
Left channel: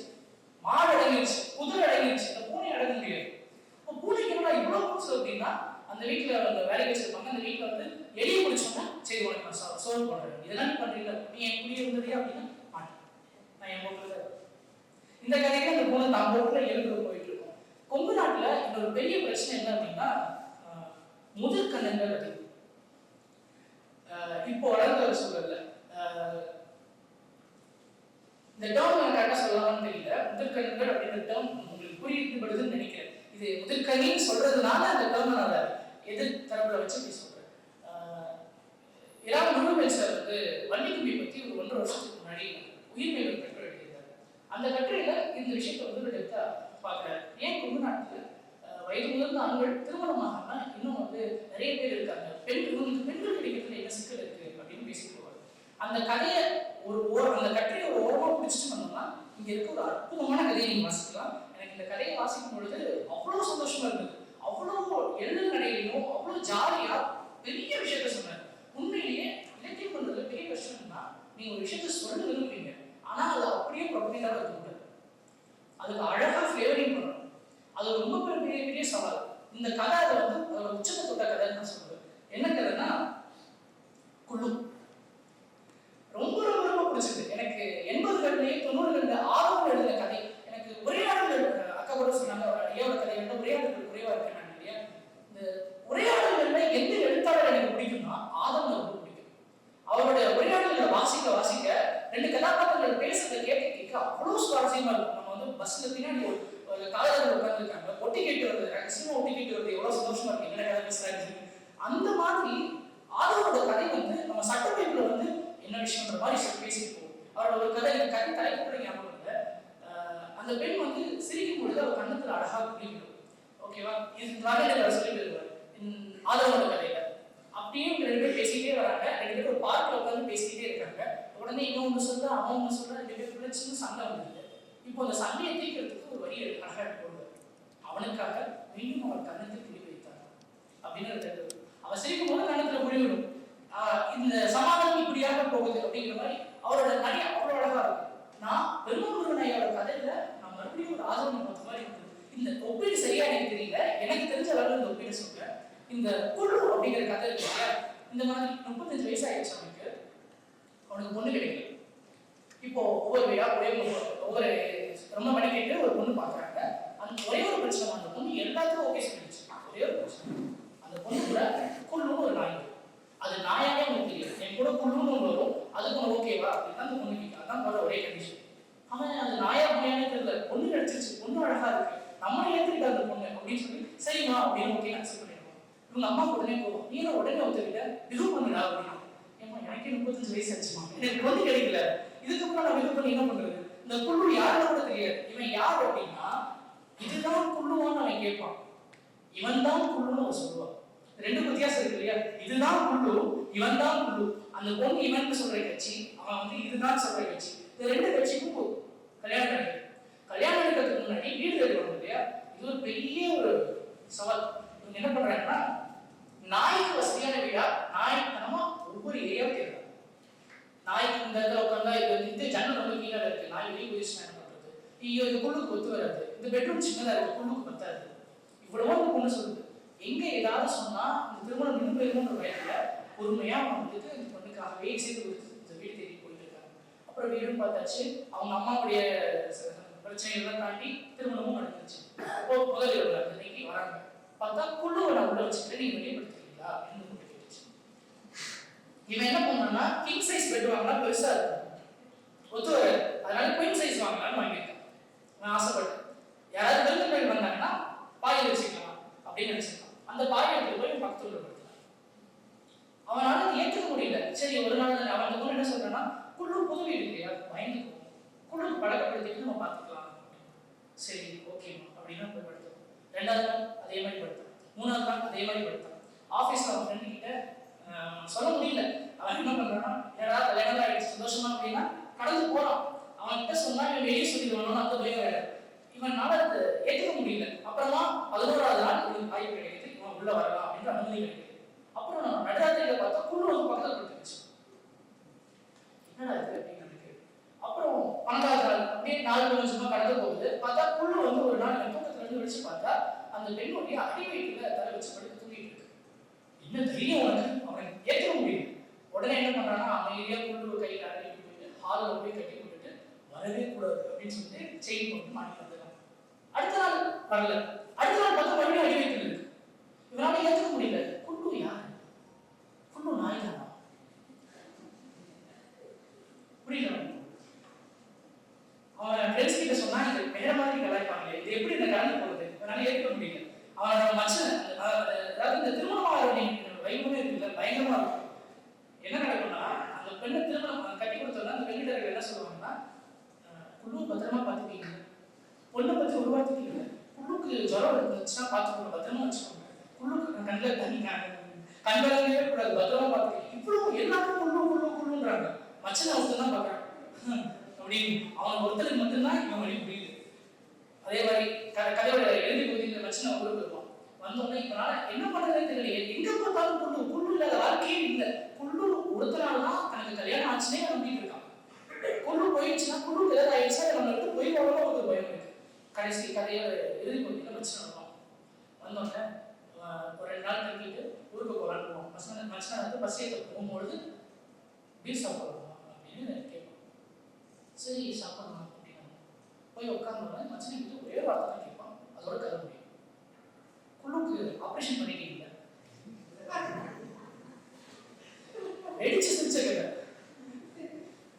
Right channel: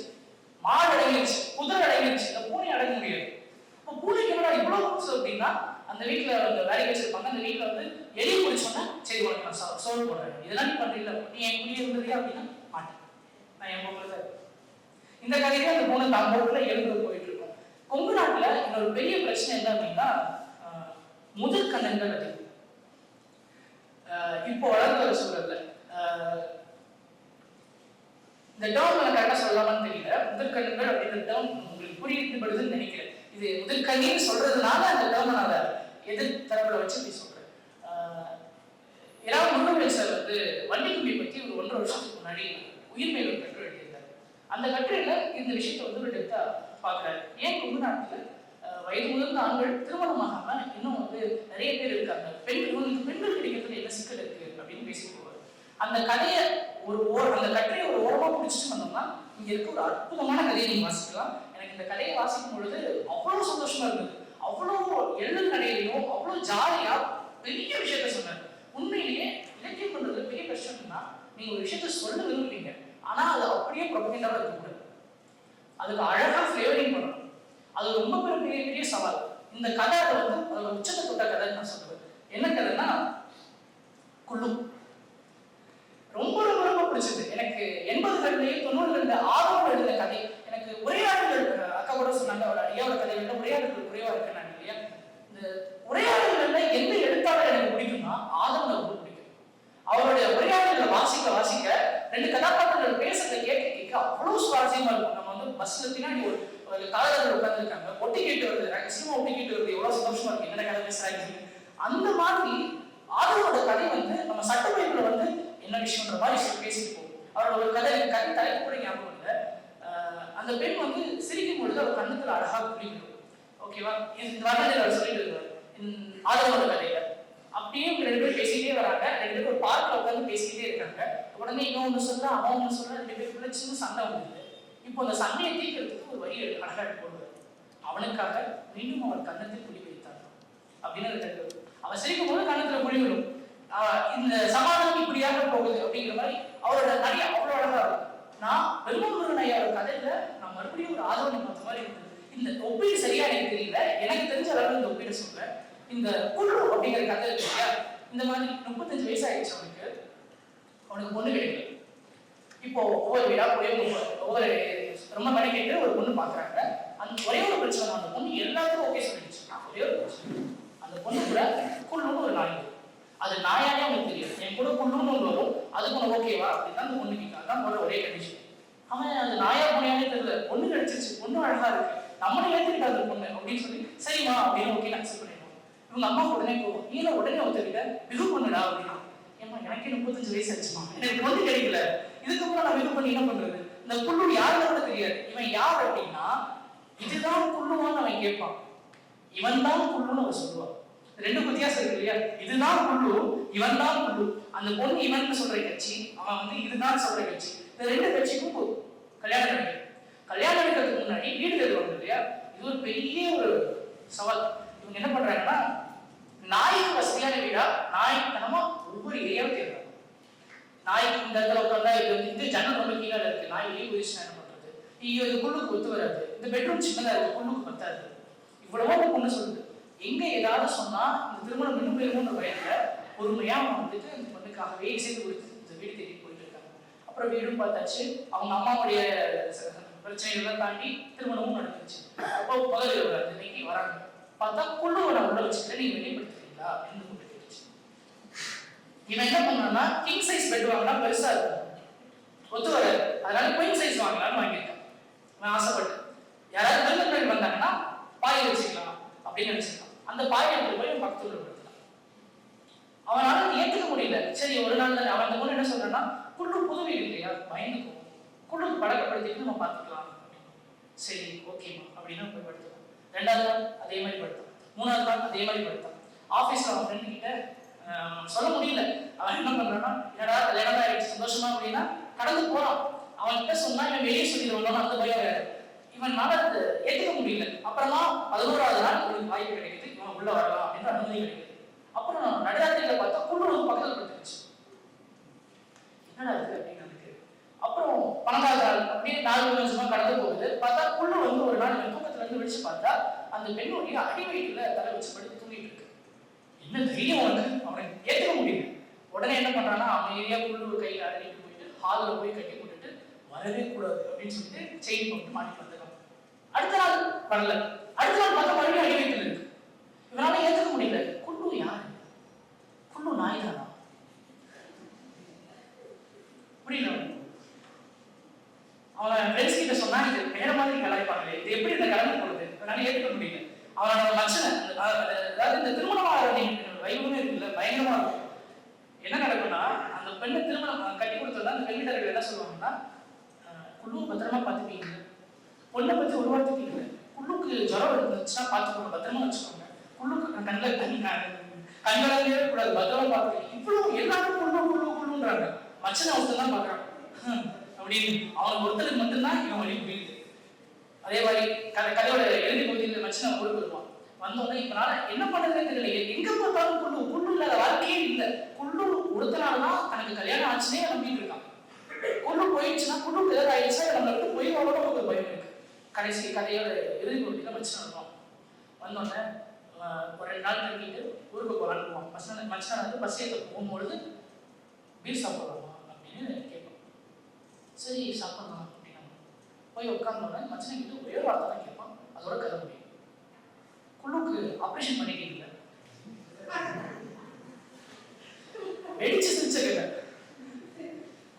மாடு அடங்கிடுச்சு, குதிரை அடங்கிடுச்சு, இந்த பூனை அடங்க முடியாது. இப்போ பூனைக்கு இவ்வளவு புதுசு அப்படின்னா அந்த வீட்டுல அந்த வேலைக்கு வச்சிருப்பாங்க. அந்த வீட்டுல எலி முடிச்சோன்னா சரி உனக்கு நான் சோல் பண்றேன், இதெல்லாம் பண்றீங்களா, நீ என் குடியே இருந்ததே அப்படின்னா மாட்டேன், நான் என் பக்கம் தான். இந்த கதையில அந்த பூனை நம்ம ஊர்ல எழுந்து போயிட்டு இருக்கோம். கொங்கு நாட்டுல இன்னொரு பெரிய பிரச்சனை என்ன அப்படின்னா முதல் கண்ணங்கள் அதிகம். இப்போ வளர்ந்து வர சூழல்ல இந்த டேர்ம் நான் கரெக்டா சொல்லலாமான்னு தெரியல. முதற்கண்ணுகள் அப்படின்ற டேர்ம் உங்களுக்கு புரியுதுன்னு நினைக்கிறேன். இது முதற்கண்ணின்னு சொல்றதுனால அந்த டேர்ம் நான் எதிர் தரப்புல வச்சு அப்படி சொல்றேன். முருகன் சார் வண்டிக்கும்பி பத்தி ஒரு 1.5 வருஷத்துக்கு முன்னாடி உயிர்மை ஒரு கட்டுரை எழுதியிருந்தார். அந்த கட்டுரையில இந்த விஷயத்தை ஒரு டெப்தா பாக்குறாரு. ஏன் கொங்கு நாட்டுல வயது முதிர்ந்த ஆண்கள் திருமணமாகாம இன்னும் நிறைய பேர் இருக்காங்க, பெண்கள் கிடைக்கிறதுல என்ன சிக்கல் இருக்கு அப்படின்னு பேசி போவார். அந்த கதையை அந்த கட்டுரையை ஒரு ஓரமா பிடிச்சிட்டு வந்தோம்னா இங்க இருக்க ஒரு அற்புதமான கதையை நீங்க வாசிக்கலாம். எனக்கு இந்த கதையை வாசிக்கும் பொழுது அவ்வளவு சந்தோஷமா இருந்தது. அவ்வளவு எழுது கடையிலையும் அவ்வளவு ஜாலியா பெரிய விஷயத்த சொன்னார். உண்மையிலேயே இலக்கியம் பண்றது பெரிய கஷ்டம்னா நீங்க ஒரு விஷயத்த சொல்ல விரும்புறீங்க, ஆனா அது அப்படியே ப்ரொபகேண்டாவோட இருக்கக்கூடாது, அதுக்கு அழகா ஃபிளேவரிங் பண்ணணும். அது ரொம்ப பெரிய சவால். இந்த கதை உச்சத்தை தொட்ட கதை நான் சொல்றேன். என்ன கதைன்னா குழு. ரொம்ப ரொம்ப ரொம்ப பிடிச்சது எனக்கு. 80களிலேயே 90களில் ஆர்வம் எழுதிய கதை. எனக்கு உரையாடல்கள் அக்கா கூட சொன்னாங்க, ஐயாவோட கதைகள்ல உரையாடல்கள் குறைவா இருக்கேன் இல்லையா. இந்த உரையாடல்கள்ல எந்த எழுத்தாளர் எனக்கு பிடிக்கும்னா ஆதவனை ரொம்ப பிடிக்கும். அவருடைய உரையாடல்களை வாசிக்க 2 கதாபாத்திரங்கள் பேசுறதை கேட்க அவ்வளவு சுவாரஸ்யமா இருக்கும். நம்ம பஸ்ல பின்னாடி ஒரு காதலர்கள் உட்கார்ந்துருக்காங்க, ஒட்டி கேட்டு வருது, ரகசியமா ஒட்டி கேட்டு வருது, எவ்வளவு சந்தோஷமா இருக்கு, என்ன கதை பேசுறாங்க. அந்த மாதிரி ஆதவனோட கதை நம்ம சட்டமேல என்ன விஷயம்ன்ற மாதிரி பேசிட்டு போகும். அவரோட ஒரு கதை தலைப்பு கூட ஞாபகம் இல்லை. அந்த பெண் சிரிக்கும் பொழுது அவர் கண்ணுக்குள்ள அழகா குளிக்கணும். ஓகேவா, இந்த வரலாறு சொல்லிட்டு இருக்காரு ஆதவனோட கதையில. அப்படியே 2 பேர் பேசிக்கிட்டே வராங்க. 2 பேர் ஒரு பார்க்ல உட்காந்து பேசிக்கிட்டே இருக்காங்க. உடனே இன்னொன்னு சொல்ல அவன் ஒண்ணு சொல்ல 2 பேருக்குள்ள சின்ன சண்டை வந்தது. இப்போ அந்த சண்டையை தீர்க்கிறதுக்கு ஒரு வழி அழகா போடுவார். அவனுக்காக மீண்டும் அவன் கண்ணத்தில் குடி வைத்தார் அப்படின்னு அவன் சிரிக்கும் போது கண்ணத்துல குடி விடும். இந்த சமாதானம் இப்படியாக போகுது அப்படிங்கிற மாதிரி அவரோட நிறைய அவ்வளவு அழகா இருக்கும். நான் பெருமகுருகன் ஐயாவோட கதையில நான் மறுபடியும் ஒரு ஆதரவு பார்த்த மாதிரி இருந்தது. இந்த ஒப்பீடு சரியா எனக்கு தெரியல, எனக்கு தெரிஞ்ச அளவு இந்த ஒப்பீடு சொல்றேன். இந்த குழு அப்படிங்கிற கதை இருக்கு. இந்த மாதிரி 35 வயசு ஆயிடுச்சு அவனுக்கு பொண்ணு கிடைக்கல. இப்போ ஒவ்வொரு வீடா ஒவ்வொரு ரொம்ப கணக்கிட்டு ஒரு பொண்ணு பாக்குறாங்க. அந்த ஒரே ஒரு பிரச்சனை, அந்த பொண்ணு எல்லாத்துக்கும் ஓகே சொல்லிடுச்சு. ஒரே ஒரு பிரச்சனை, அந்த பொண்ணு கூட குழுன்னு ஒரு நாய், அது நாயாவே அவனுக்கு தெரியும். என் கூட குழுன்னு ஒன்று வரும், அதுக்கு ஓகேவா அப்படின்னு அந்த பொண்ணு கேட்க. அதான் ஒரே கண்டிஷன். அவன் அது நாயா பொண்ணையானே தெரியல, பொண்ணு கிடைச்சிருச்சு, பொண்ணு அழகா இருக்கு, நம்மளே ஏற்றுக்கிட்ட அந்த பொண்ணு அப்படின்னு சொல்லி சரிமா அப்படின்னு ஓகே அக்செப்ட் பண்ணிடுவோம். இவங்க அம்மா உடனே போவோம், நீங்க உடனே ஒத்துக்கிட்ட பிகு பண்ணுடா அப்படின்னா. ஏமா எனக்கே 35 வயசு ஆச்சுமா, எனக்கு பொண்ணு கிடைக்கல, இதுக்கப்புறம் நான் இது பண்ணி என்ன பண்றது? இந்த குள்ளு யாரும் கூட தெரியாது. இவன் யார் அப்படின்னா இதுதான் குள்ளுவான்னு அவன் கேட்பான். இவன் தான் குள்ளுன்னு அவன் சொல்லுவான். ரெண்டு வித்தியாசம் இருக்கு இல்லையா? இதுதான் குள்ளு, இவன் தான் குள்ளு. அந்த பொண்ணு இவன் சொல்ற கட்சி, அவன் வந்து இதுதான் சொல்ற கட்சி. இந்த ரெண்டு கட்சிக்கும் கல்யாணம் நடக்குது. கல்யாணம் நடக்கிறதுக்கு முன்னாடி வீடு தருவாங்க இல்லையா? இது ஒரு பெரிய ஒரு சவால். இவங்க என்ன பண்றாங்கன்னா, நாய்க்கு வசதியான வீடா நாய்த்தனமா ஒவ்வொரு ஏரியாவும் தேடுறாங்க. நாய்க்கு இந்த இடத்துல உட்காந்தா இது வந்து இந்த ஜன்னல் ரொம்ப கீழே இருக்கு, நாய் வெளியே போயிடுச்சு என்ன பண்றது? இங்க இந்த குள்ளுக்கு ஒத்து வராது, இந்த பெட்ரூம் சின்னதா இருக்கு, குள்ளுக்கு பத்தாது. இவ்வளவோ பொண்ணு சொல்லுது. எங்க ஏதாவது சொன்னா இந்த திருமணம் நின்று போயிருமோன்ற வயதுல பொறுமையா அவங்க வந்துட்டு இந்த பொண்ணுக்காகவே சேர்த்து கொடுத்து இந்த வீடு தேடி போயிட்டு இருக்காங்க. அப்புறம் வீடும் பார்த்தாச்சு, அவங்க அம்மாவுடைய பிரச்சனைகள்லாம் தாண்டி திருமணமும் நடந்துச்சு. அப்போ முதல் இன்னைக்கு வராங்க, பார்த்தா குள்ளுவோட உள்ள வச்சுட்டு நீங்க வெளிப்படுத்துறீங்களா அப்படின்னு கேட்டுச்சு. இவன் என்ன பண்ணான்னா கிங் சைஸ் பெட் வாங்கினா பெருசா இருக்கும், ஒத்து வராது, அதனால குயின் சைஸ் வாங்கலாம்னு வாங்கியிருக்கான். நான் ஆசைப்பட்டேன், யாராவது பெருந்த பெண் வந்தாங்கன்னா பாயை வச்சுக்கலாம் அப்படின்னு நினைச்சிருக்கான். அந்த பாயை எடுத்து போய் பக்கத்துல படுத்தான். அவனால ஏற்றுக்க முடியல. சரி ஒரு நாள் அவன் பொண்ணு என்ன சொல்றான்னா, குள்ளு புது வீடு இல்லையா, பயந்துக்கும், குள்ளுக்கு பழக்கப்படுத்திட்டு நம்ம பார்த்துக்கலாம். சரி ஓகேமா அப்படின்னு போய் படுத்தோம். ரெண்டாவது நாள் அதே மாதிரி படுத்தான், மூணாவது நாள் அதே மாதிரி படுத்தான். ஆஃபீஸ்ல அவன் ஃப்ரெண்டு கிட்ட சொல்ல முடியல. அவன் என்ன பண்றான்னா, யாராவது கல்யாணம் ஆயிடுச்சு சந்தோஷமா அப்படின்னா கடந்து போறான். அவன் கிட்ட சொன்னா இவன் வெளியே சொல்லிடுவானு அந்த பயம் வேற. இவனால அதை ஏற்றுக்க முடியல. அப்புறமா 11வது நாள் இவனுக்கு வாய்ப்பு கிடைக்குது, இவன் உள்ள வரலாம் அப்படின்னு அனுமதி கிடைக்குது. அப்புறம் நடுராத்திரியில பார்த்தா குள்ளு பக்கத்துல படுத்துருச்சு. என்னடா இருக்கு அப்படின்னு நினைக்குது. அப்புறம் 12வது நாள் அப்படியே 4 நிமிஷமா கடந்து போகுது. பார்த்தா குள்ளு வந்து ஒரு நாள் தூக்கத்துல இருந்து விழிச்சு பார்த்தா அந்த பெண்ணுடைய அடி வயிற்றுல தலை வச்சு படுத்து தூங்கிட்டு இருக்கு. என்ன தைரியம் வந்து அவனை ஏற்றுக்க முடியல. உடனே என்ன பண்றான்னா, அமைதியா குள்ளு கையில அடங்கிட்டு போயிட்டு ஹாலில் போய் கட்டி போட்டுட்டு வரவே கூடாது அப்படின்னு சொல்லிட்டு செயின் போட்டு மாட்டி வந்துடும். அடுத்த நாள் வரல. அடுத்த நாள் பார்த்தா மறுபடியும் அடி வயிற்றுல இருக்கு. இவனால ஏற்றுக்க முடியல. குள்ளு யாரு? குள்ளு நாய் தானா? புரியல. அவன் ஃப்ரெண்ட்ஸ் கிட்ட சொன்னா இது வேற மாதிரி கலாய்ப்பாங்களே, இது எப்படி இந்த கலந்து போடுது, அதனால ஏற்றுக்க முடியல. அவனோட மச்சன் அதாவது இந்த திருமணம் வைபவமே இருக்குல்ல, பயங்கரமா இருக்கும். என்ன நடக்கும்னா, அந்த பெண்ணை திருமணம் கட்டி கொடுத்தா அந்த பெண்ணிடர்கள் என்ன சொல்லுவாங்கன்னா, குள்ளு பத்திரமா பார்த்துப்பீங்க, பொண்ணை பத்தி ஒரு வார்த்தைக்கு இல்லை, குள்ளுக்கு ஜுரம் இருந்துச்சுன்னா பார்த்துக்கோங்க, பத்திரமா வச்சுக்கோங்க, குள்ளுக்கு கண்ணில் தண்ணி கண்களே கூடாது, பத்திரமா பார்த்துக்கோங்க. இவ்வளவு எல்லாருக்கும் குள்ளு குள்ளு குள்ளுன்றாங்க. மச்சனை ஒருத்தர் தான் பார்க்குறான் அப்படின்னு. அவன் ஒருத்தருக்கு மட்டும்தான் இவன் வழி முடியுது. அதே மாதிரி கதையோட எழுதி பகுதியில் மச்சனை கொடுத்துருவான். வந்தோடனே இப்பனால என்ன பண்றதுன்னு தெரியல, எங்க பார்த்தாலும் குள்ளு குள்ளு இல்லாத வாழ்க்கையே இல்லை. குள்ளு ஒருத்தனால்தான் தனக்கு கல்யாணம் ஆச்சுன்னே நம்பிட்டு இருக்கான். குள்ளு போயிடுச்சுன்னா குள்ளுக்கு ஏதாவது ஆயிடுச்சா நம்மளுக்கு போய் போகணும் ஒரு பயம் இருக்கு. கடைசி கதையோட இறுதி பகுதியில் மச்சனை இருப்பான். வந்தோடனே ஒரு 2 நாள் தங்கிட்டு ஊருக்கு போகலான்னு மச்சனை வந்து பஸ் ஏற்ற போகும்பொழுது பீர் சாப்பிடலாமா அப்படின்னு கேட்போம். சரி சாப்பிடலாம் அப்படின்னா போய் உட்காந்தோடனே மச்சனை கிட்ட ஒரே வார்த்தை தான் கேட்பான், அதோட கதை முடியும். குள்ளுக்கு ஆப்ரேஷன் பண்ணிட்டீங்கல்ல, வெடிச்சு சிரிச்சகல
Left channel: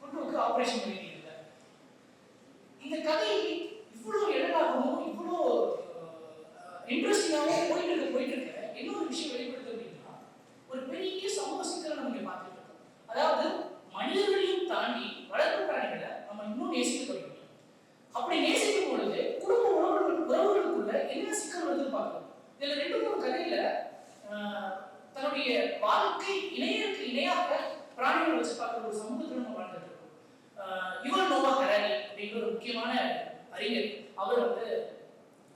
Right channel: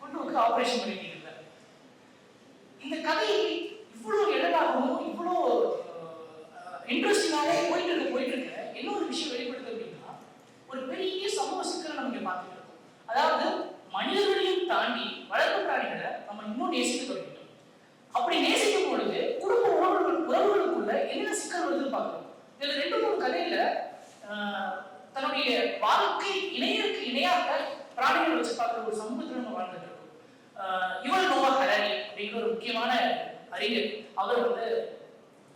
குள்ளுக்கு ஆப்ரேஷன் பண்ணிட்டீங்கல்ல. இந்த கதை இவ்வளவு எளிதாகவும் இவ்வளோ இன்ட்ரெஸ்டிங்காகவே போயிட்டு இருக்க இன்னொரு விஷயம் வெளிப்படுது அப்படின்னா, ஒரு பெரிய சமூக சிக்கலை நம்ம இங்க பார்த்துட்டு இருக்கோம். அதாவது மனிதர்களையும் தாண்டி வளர்ப்பு பிராணிகளை நம்ம இன்னும் நேசிக்க தொடங்கிட்டோம். அப்படி நேசிக்கும் பொழுது குடும்ப உறவுகளுக்குள்ள என்ன சிக்கல் வருதுன்னு பார்க்கிறோம். இதுல 2-3 கதையில தன்னுடைய வாழ்க்கை இணையருக்கு இணையாக பிராணிகளை வச்சு பார்க்கிற ஒரு சமூகத்தில் நம்ம வாழ்ந்துட்டு இருக்கோம். யுவல் நோவா ஹராரி அப்படிங்கிற ஒரு முக்கியமான அறிஞர், அவர் வந்து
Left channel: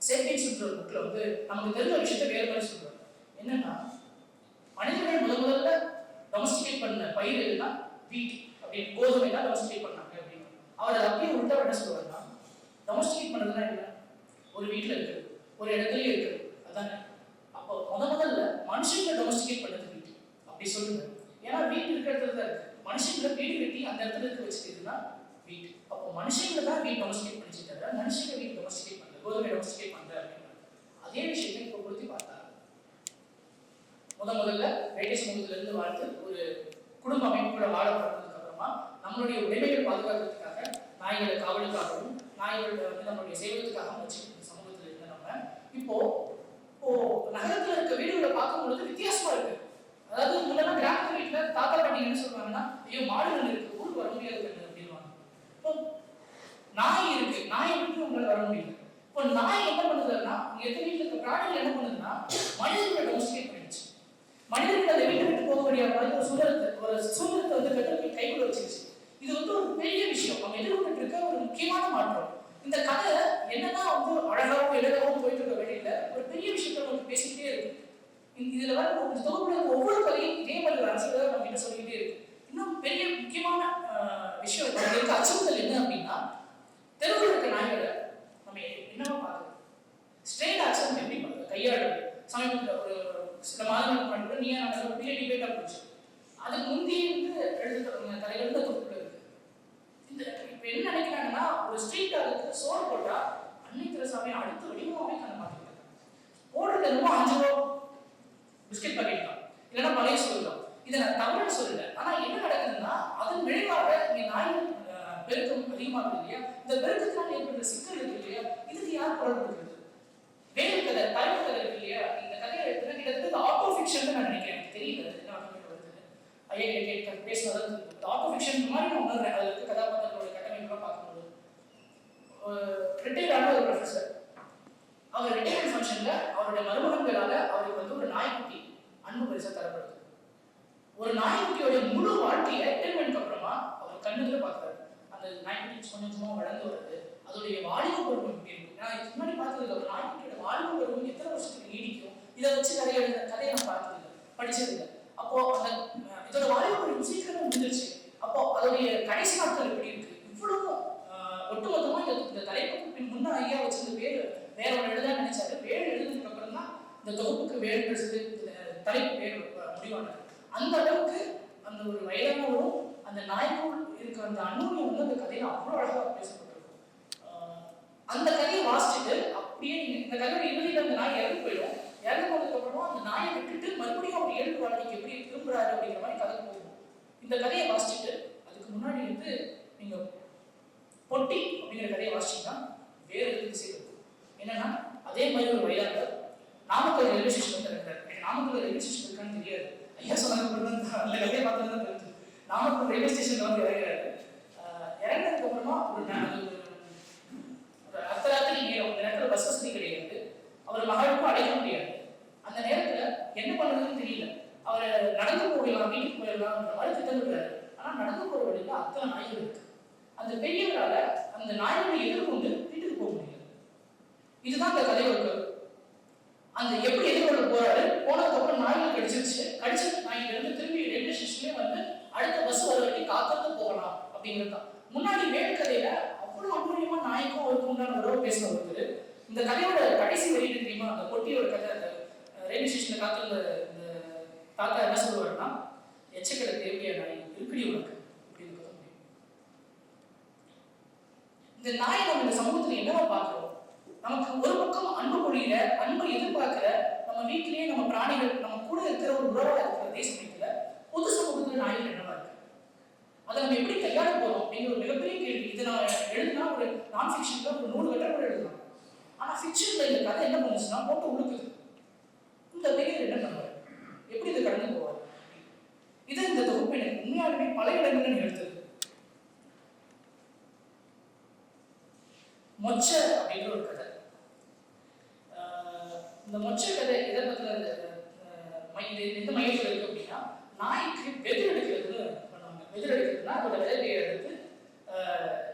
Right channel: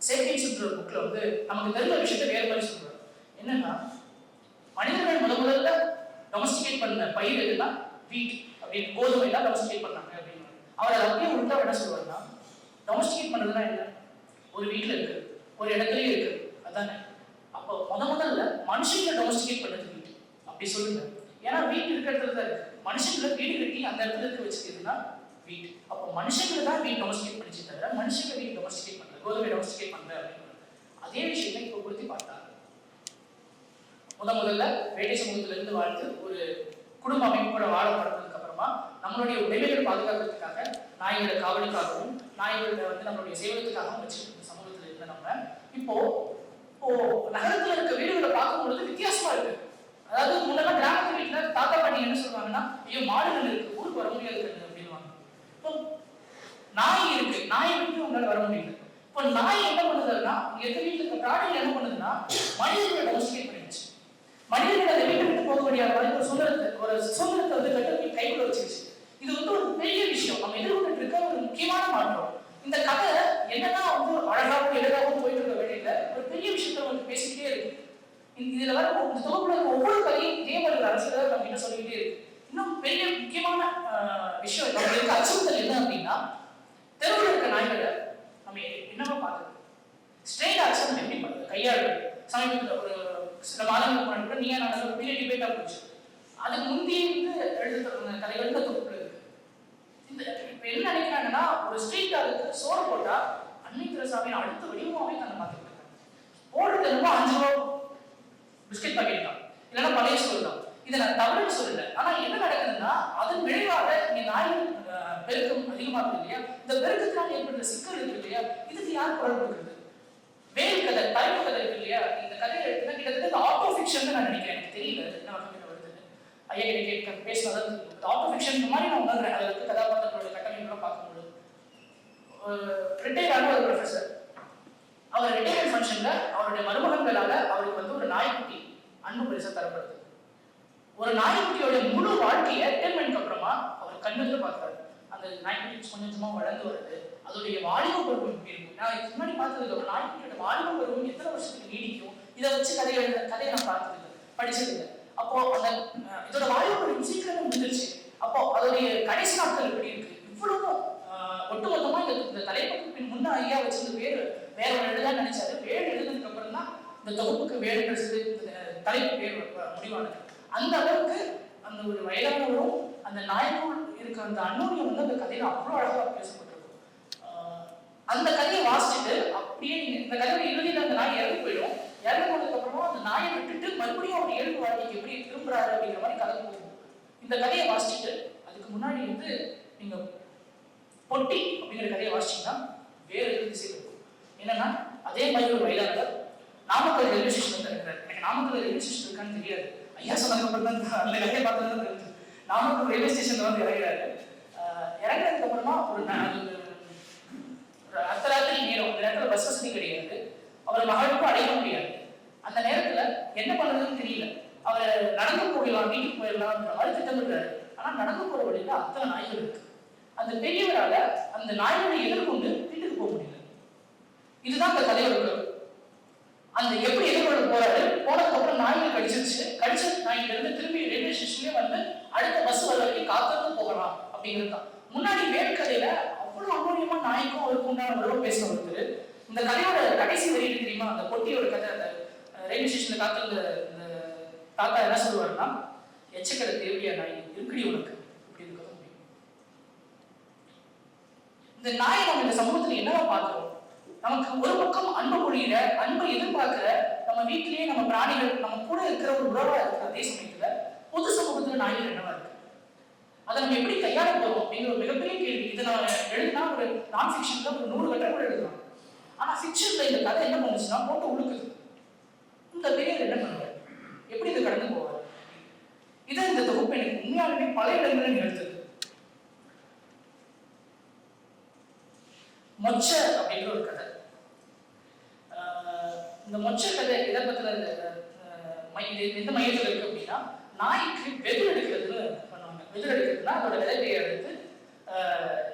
சேப்பியன்ஸ்ன்ற புக்ல வந்து நமக்கு தெரிஞ்ச விஷயத்தை வேற மாதிரி சொல்றாரு. என்னன்னா, மனிதர்கள் முதல்ல டொமஸ்டிகேட் பண்ண பயிர் எதுனா வீட் அப்படின்னு, கோதுமை தான் டொமஸ்டிகேட் பண்ணாங்க அப்படின்னு. அவர் அதை அப்படியே உள்ள என்ன சொல்லுவாருன்னா, டொமஸ்டிகேட் பண்றதுனா என்ன, ஒரு வீட்டுல இருக்கு, ஒரு இடத்துலயே இருக்கு, அதானே. அப்போ முதல்ல மனுஷங்களை டொமஸ்டிகேட் பண்றது வீட்டு அப்படி சொல்லுங்க. ஏன்னா வீட்டு இருக்கிற இடத்துல தான் இருக்கு. மனுஷங்களை வீடு கட்டி அந்த இடத்துல இருக்க வச்சுக்கிறதுனா வீட்டு. அப்போ மனுஷங்களை தான் வீடு டொமஸ்டிகேட் பண்ணிச்சு தவிர மனுஷங்களை வீடு டொமஸ்டிகேட் பண்ணல, கோதுமை டொமஸ்டிகேட் பண்ணல அப்படின்னு. அதே விஷயத்தை இப்போ பொருத்தி பார்த்தாங்க. முதல்ல வேட்டை சமூகத்துல இருந்து வாழ்ந்து ஒரு குடும்ப அமைப்போட வாழ தொடங்கினதுக்கு அப்புறமா நம்மளுடைய உடைமைகள் பாதுகாக்கிறதுக்காக நாய்களை காவலுக்காகவும் நாய்களை வந்து நம்மளுடைய சேவத்துக்காகவும் வச்சுருக்க சமூகத்துல இருந்த நம்ம இப்போ நகரத்துல இருக்க வீடுகளை பார்க்கும் பொழுது வித்தியாசமா இருக்கு. அதாவது முன்னாடி கிராமத்து வீட்டுல தாத்தா பாட்டி என்ன சொல்றாங்கன்னா, ஐயோ மாடுகள் இருக்கு, ஊருக்கு வர முடியாது அப்படின்வாங்க. இப்போ நாய் இருக்கு, நாயை விட்டு உங்களால வர முடியாது. இப்போ நாய் என்ன பண்ணுதுன்னா, எங்க வீட்டுல இருக்க பிராணிகள் என்ன பண்ணுதுன்னா, மனிதர்களை டொமஸ்டிகேட் பண்ணிடுச்சு. மனிதர்கள் அதை வீட்டை விட்டு போகக்கூடிய ஒரு சுதந்திரத்தை வந்து கைக்குள்ள வச்சிருச்சு. இது வந்து ஒரு பெரிய விஷயம். நம்ம எதிர்கொண்டு இருக்க ஒரு முக்கியமான மாற்றம். இந்த கதை என்னன்னா வந்து அழகாகவும் எளிதாகவும் போயிட்டு இருக்க வேண்டியதுல ஒரு பெரிய விஷயத்த நம்ம பேசிக்கிட்டே இருக்கு. இதுல வர இந்த தொகுப்புல ஒவ்வொரு கதையும் இதே மாதிரி அரசியல் நம்ம என்ன சொல்லிக்கிட்டே இருக்கு. இன்னும் பெரிய முக்கியமான விஷயம் நம்மளுக்கு அச்சுறுத்தல் என்ன அப்படின்னா, தெருவில் இருக்க நாய்களை நம்ம என்னவா பார்க்குறோம், ஸ்ட்ரெயின் ஆக்ஷன் எப்படி பண்ணுறது, கையாளுறது. சமீபத்தில் ஒரு சில மாதங்களுக்கு முன்னாடி கூட நீங்க நாங்கள் ஒரு பெரிய டிபேட்டாக போச்சு. அதுக்கு முந்தைய வந்து எழுத கதைகள் தொகுப்புல இருக்கு. இந்த இப்ப என்ன நினைக்கிறாங்கன்னா, ஒரு ஸ்ட்ரீட் அதுக்கு சோறு போட்டா அன்னை தெரசாமி அடுத்த வெளியுமாவே நாங்கள் பார்த்துருக்காங்க. போடுறது என்னமோ 5 ரூபா பிஸ்கெட் பாக்கெட் தான், இல்லைன்னா பழைய சோறு தான். இதை நான் தவறுன்னு சொல்லல. ஆனா என்ன நடக்குதுன்னா, அதன் விளைவாக நீ நாயின் பெருக்கம் அதிகமாகுது இல்லையா, இந்த பெருக்கத்தினால் ஏற்படுற சிக்கல் இருக்கு இல்லையா, இதுக்கு யார் குரல் கொடுக்குறது? வேறு கதை, தலைப்பு கதை இருக்கு இல்லையா, இந்த கதையை எடுத்துனா கிட்டத்தட்ட ஆட்டோ ஃபிக்ஷன் நான் நினைக்கிறேன். எனக்கு தெரியல என்ன வகையில் வருது. ஐயா கேட்க பேசினதான் ஆட்டோ ஃபிக்ஷன் மாதிரி நான் உணர்றேன். அது வந்து கதாபாத்திரங்களோட கட்டமைப்பெல்லாம் பார்க்கும்போது ரிட்டையர் ஆன ஒரு ப்ரொஃபஸர், அவர் ரிட்டையர்மெண்ட் ஃபங்க்ஷன்ல அவருடைய மருமகன்களால அவருக்கு வந்து ஒரு நாய்க்குட்டி அன்பு பரிசா தரப்படுது. ஒரு நாய்க்குட்டியோட முழு வாழ்க்கையை ரிட்டையர்மெண்ட்க்கு அப்புறமா அவர் கண்ணுல பார்த்தாரு. அந்த நாய்க்குட்டி கொஞ்சம் கொஞ்சமா வளர்ந்து வருது. அதோடைய வாலிப பருவம் எப்படி இருக்கும்? நான் இதுக்கு முன்னாடி பார்த்தது ஒரு நாய்க்குட்டியோட வாலிப பருவம் எத்தனை வருஷத்துக்கு நீடிக்கும், இதை வச்சு கதையை நான் பார்த்தது படிச்சது இல்லை. அப்போ அந்த இதோட வாலிப பருவம் சீக்கிரமா முடிஞ்சிருச்சு. அப்போ அதோடைய கடைசி நாட்கள் எப்படி இருக்கு? இவ்வளவு ஒட்டுமொத்தமா இந்த தலைப்புக்கு முன்ன ஐயா வச்சிருந்த வேற ஒரு எழுதான் நினைச்சாரு. வேறு எழுதுனதுக்கு அப்புறம் தான் இந்த தொகுப்புக்கு வேறு தலைப்பு வேறு முடிவானது. அந்த அளவுக்கு அந்த ஒரு வயதானவரும் அந்த நாய்க்கும் இருக்கிற அந்த அன்னோனியம் வந்து அந்த கதையில அவ்வளவு அழகாக பேசப்பட்டிருக்கும். அந்த கதையை வாசிச்சுட்டு அப்படியே இந்த கதையோட இறுதியில் அந்த நாய் இறந்து போயிடும். இறந்து போனதுக்கு அப்புறமா அந்த நாயை விட்டுட்டு மறுபடியும் அவர் இயல்பு வாழ்க்கைக்கு எப்படி திரும்புறாரு அப்படிங்கிற மாதிரி கதை போகும். இந்த கதையை வாசிச்சுட்டு அதுக்கு முன்னாடி வந்து நீங்க பொட்டி அப்படிங்கிற கதையை வாசிச்சீங்கன்னா வேற எது திசை இருக்கும். என்னன்னா, அதே மாதிரி ஒரு வயதானவர் நாமக்கல் ரயில்வே ஸ்டேஷன் வந்து இருக்கிறார். எனக்கு நாமக்கல் ரயில்வே ஸ்டேஷன் இருக்கான்னு தெரியாது. ஐயா சொன்னதுக்கு அப்புறம் தான் அந்த கதையை பார்த்து தான் தெரிஞ்சு. நாமக்கல் ரயில்வே ஸ்டேஷன்ல வந்து இறங்குறாரு. இறங்குறதுக்கு அப்புறமா ஒரு அர்த்தராத்திரி நேரம், இந்த நேரத்தில் பஸ் வசதி கிடையாது. அவர் மகளுக்கும் அடைய முடியாது. அந்த நேரத்துல என்ன பண்ணுறதுன்னு தெரியல. அவர் நடந்து போயிடலாம், வீட்டுக்கு போயிடலாம் மாதிரி திட்டமிடுறாரு. ஆனா நடந்து போற வழியில அத்தனை நாய்கள் இருக்கு. அந்த பெரியவரால அந்த நாய்களை எதிர்கொண்டு வீட்டுக்கு போக முடியல. இதுதான் அந்த கதையோட கரு. அந்த எப்படி எதிர்கொள்ள போறாரு, போனதுக்கு அப்புறம் நாய்கள் கடிச்ச நாய்கள் இருந்து திரும்பி ரயில்வே ஸ்டேஷன்லயே வந்து அடுத்த பஸ் வர வரைக்கும் காத்திருந்து போகலாம் அப்படிங்கிறது தான். முன்னாடி வேறு கதையில அவ்வளவு அமூலியமா நாய்க்கும் அவருக்கு உண்டான உறவு பேச வருது. இந்த கதையோட கடைசி வரையும் தெரியுமா, அந்த பொட்டியோட கதை, அந்த ரயில்வே ஸ்டேஷன்ல காத்திருந்த இந்த தாத்தா என்ன சொல்லுவாருன்னா, எச்சக்கடை தேவையா நாய் இருக்கடி உனக்கு அப்படின்னு இருக்க முடியும். இந்த நாயை நம்ம இந்த சமூகத்துல என்னவா பார்க்கிறோம்? நமக்கு ஒரு பக்கம் அன்பு பொழியிற, அன்பை எதிர்பார்க்கிற, நம்ம வீட்டிலேயே நம்ம பிராணிகள் நம்ம கூட இருக்கிற ஒரு உறவா இருக்கிற அதே சமயத்துல பொது சமூகத்துல நாய்கள் என்னவா இருக்கு, அதை நம்ம எப்படி கையாள போறோம் அப்படிங்கிற ஒரு மிகப்பெரிய கேள்வி. இதை நான் எழுதினா ஒரு நான் ஃபிக்ஷன்ல ஒரு 100 கட்டம் கூட எழுதலாம். ஆனா ஃபிக்ஷன்ல இந்த கதை என்ன பண்ணுச்சுன்னா போட்டு உழுக்குது. இந்த பெரியவர் என்ன பண்ணுவார், எப்படி இதை கடந்து போவார்? இதை இந்த தொகுப்பு எனக்கு உண்மையாலுமே பல இடங்களில் நிகழ்த்தது. மொச்ச அப்படிங்கிற ஒரு கதை. இந்த மொச்ச கதை இதை பத்தின எந்த மையத்தில் இருக்கு அப்படின்னா, நாய்க்கு வெதிர் எடுக்கிறதுன்னு பண்ணுவாங்க. வெதிர் எடுக்கிறதுனா அதோட விதையை எடுத்து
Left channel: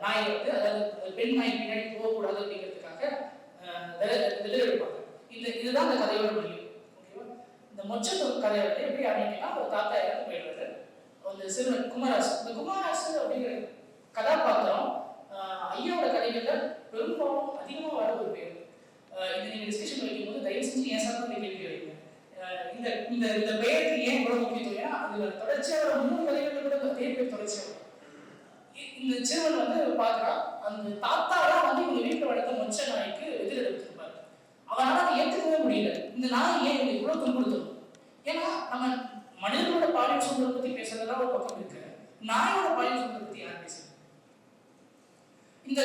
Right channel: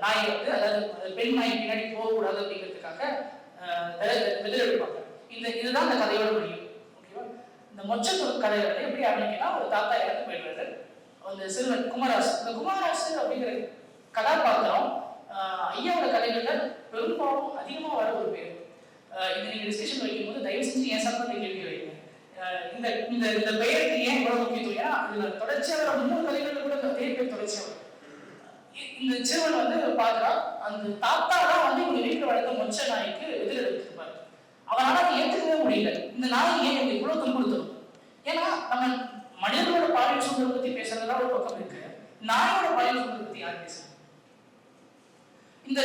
நாயை வந்து, அதாவது பெண் நாய் பின்னாடி போகக்கூடாது அப்படிங்கிறதுக்காக வெதிர் எடுப்பாங்க. இதுதான் இந்த கதையோட முடியும். ஓகேவா? இந்த மொச்ச கதை வந்து எப்படி ஆரம்பிக்குன்னா, ஒரு தாத்தா இறந்து போயிடுறாரு. அந்த சிறுவன் குமராசு, இந்த குமராசு அப்படிங்கிற கதாபாத்திரம் ஐயாவோட கதைகள்ல பெரும்பாலும் அதிகமாக வர ஒரு பேர். இந்த டிஸ்கஷன் வைக்கும்போது தயவு செஞ்சு ஏன் சார் கேள்வி வைங்க. இந்த பெயருக்கு ஏன் இவ்வளவு முக்கியத்துவம்? இதுல தொடர்ச்சியாக 3 கதைகள் கூட அதே பேர் தொடர்ச்சியாக. இந்த சிறுவன் வந்து பாக்குறா, அந்த தாத்தா தான் வந்து இவங்க வீட்டுல வளர்த்த மொச்ச நாய்க்கு எதிர் எடுத்திருப்பாரு. அவனால அதை ஏற்றுக்கவே முடியல. இந்த நாய் ஏன் இவங்க இவ்வளவு துன்புறுத்தணும்? ஏன்னா நம்ம மனிதர்களோட பாலியல் சுதந்திரம் பத்தி பேசுறதுதான் ஒரு பக்கம் இருக்கு. நாயோட பாலியல் சுதந்திரம் பத்தி யார் பேசுறது? இந்த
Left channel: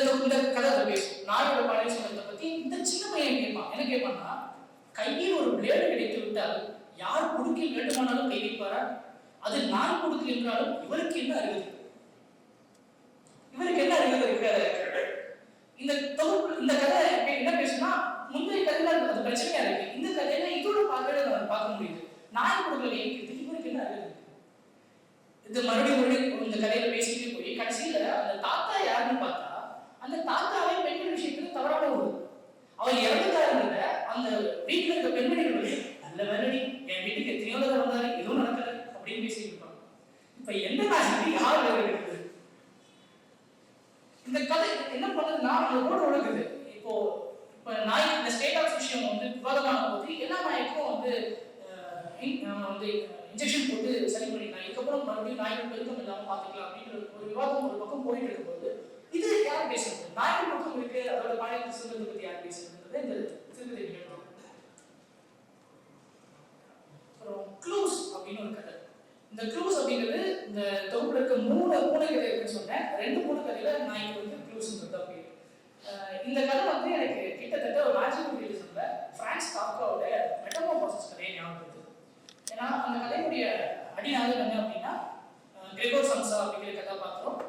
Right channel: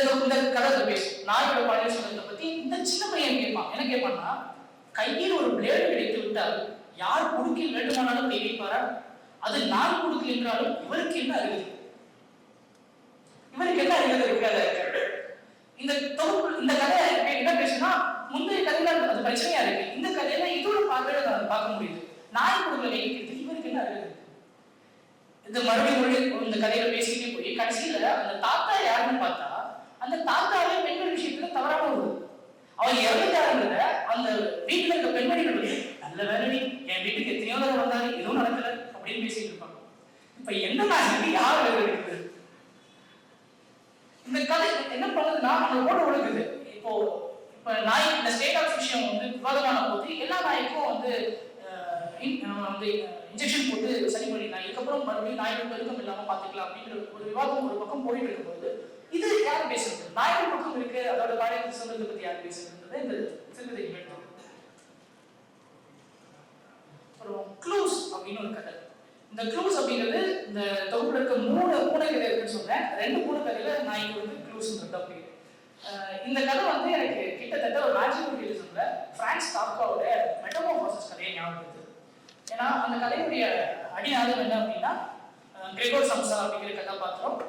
கதை பேசும் நாயோட பாலியல் சுதந்திரத்தை பத்தி. இந்த சின்ன பையன் கேட்பான், என்ன கேட்பான்னா, கையில் ஒரு பிளேடு கிடைத்து விட்டால் யார் குடுக்கில் வேண்டுமானாலும் கை வைப்பாரா? அது நான் குடுக்கில் என்றாலும் இவருக்கு என்ன அறிவு? இவருக்கு என்ன அறிவு இருக்காது? இந்த தொகுப்பு இந்த கதை என்ன பேசுனா முந்தைய கதையில அது பிரச்சனையா இருக்கு. இந்த கதையில இதோட பார்வையில பார்க்க முடியுது. நாய் குடுக்கல வைக்கிறது இவருக்கு என்ன அறிவு? இந்த மறுபடியும் இந்த கதையில பேசிக்கிட்டே போய் கடைசியில அந்த தாத்தா யாருன்னு பார்த்தா அந்த தாத்தாவே பெண்கள் விஷயத்துல தவறான ஒரு அவர் இறந்துட்டாருங்கிற அந்த வீட்டுல இருக்க பெண்மணிகள் நல்ல வேலை என் வீட்டுக்கு எத்தனையோ தடவை வந்தாரு எதுவும் நடக்கல அப்படின்னு பேசிட்டு இருப்பாங்க. இப்ப என்ன மாதிரி யார் இருக்குது? இந்த கதை என்ன பண்ணுதுன்னா அந்த கூட ஒழுகுது. இப்போ நாய் இந்த ஸ்டேட் ஆஃப் விஷயம் விவாதமான போது எல்லா நாய்க்கும் இன்ஜெக்ஷன் போட்டு சரி பண்ணிடலாம், இதுக்கப்புறம் மறுபடியும் நாய்கள் பெருக்கம் இல்லாம பாத்துக்கலாம் அப்படின்ற ஒரு விவாதம் ஒரு பக்கம் போயிட்டு இருக்கும்போது இது யார் பேசுறது? நாய்கள் பக்கம் இருக்கு, அதோட காலையில் சொல்றது பத்தி யார் பேசுறது? இந்த சிறுகதை கேட்டோம். அப்புறம் க்ளூஸ் அப்படின்னு ஒரு கதை. இந்த க்ளூஸ் அப்படிங்கிறது இந்த தொகுப்புல இருக்க 3 பூனைகள் இருக்குன்னு சொன்னேன். 2 பூனைகள்ல நாய்க்கு க்ளூஸ் பேரு. இந்த கதை எனக்கு கிட்டத்தட்ட ஒரு மேஜிக் ரியலிசம்ல பிரான்ஸ் காஃப்காவோட மெட்டமோர்ஃபோசிஸ் கதையை ஞாபகம் வருது. ஏன்னா அந்த கதையுடைய அடிநாதம் என்ன அப்படின்னா கிரெகோர் சம்சா அப்படிங்கிற கதாபாத்திரம்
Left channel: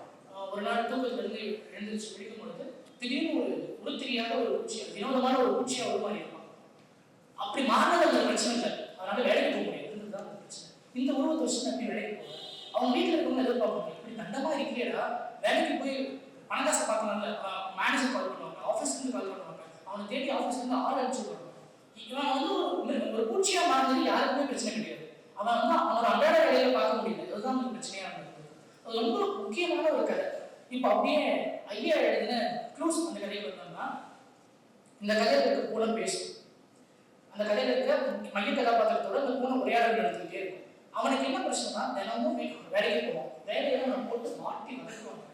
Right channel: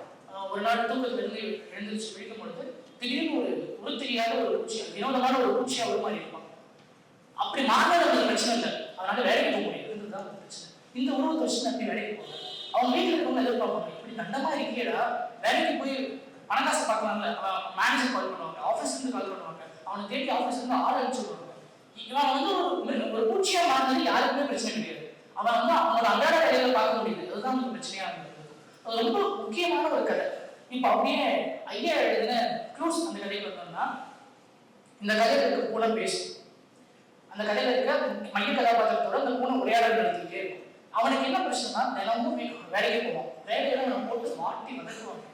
ஒரு நாள் தூக்கத்துல இருந்து எழுந்திருச்சு பிடிக்கும் பொழுது திடீர்னு ஒரு உருத்திரியான ஒரு பூச்சி, வினோதமான ஒரு பூச்சியா ஒரு மாதிரி இருக்கும். அப்படி மாறினது அந்த பிரச்சனை இல்லை, அதனால வேலைக்கு போக முடியாதுன்றதுதான் அந்த பிரச்சனை. இந்த உருவத்தை வச்சு அப்படி வேலைக்கு போகும். அவங்க வீட்டில் இருக்கவங்க எதிர்பார்ப்பாங்க, இப்படி கண்டமா இருக்கேடா வேலைக்கு போய் பணக்காசை பார்க்கலாம்ல, மேனேஜர் கால் பண்ணுவாங்க, ஆஃபீஸ்ல இருந்து கால் பண்ணுவாங்க, அவனை தேடி ஆஃபீஸ்ல இருந்து ஆள் அனுப்பிச்சு விடுவாங்க. இவன் ஒரு பூச்சியா மாறினது யாருக்குமே பிரச்சனை கிடையாது. அவன் அவனோட அன்றாட வேலையில பார்க்க முடியுது, அதுதான் வந்து பிரச்சனையா இருந்தது. அது ரொம்ப முக்கியமான ஒரு கதை. இப்ப அப்படியே ஐயா எழுதின க்ளூஸ் அந்த கதையில வந்தோம்னா இந்த கதையில இருக்க பூனை பேசும். அந்த கதையில இருக்க மைய கதாபாத்திரத்தோட அந்த பூனை உரையாடல் நடத்திக்கிட்டே இருக்கும். அவனுக்கு என்ன பிரச்சனைனா தினமும் வேலைக்கு போவான், வேலையில அவனை போட்டு மாட்டி வளர்க்குவாங்க.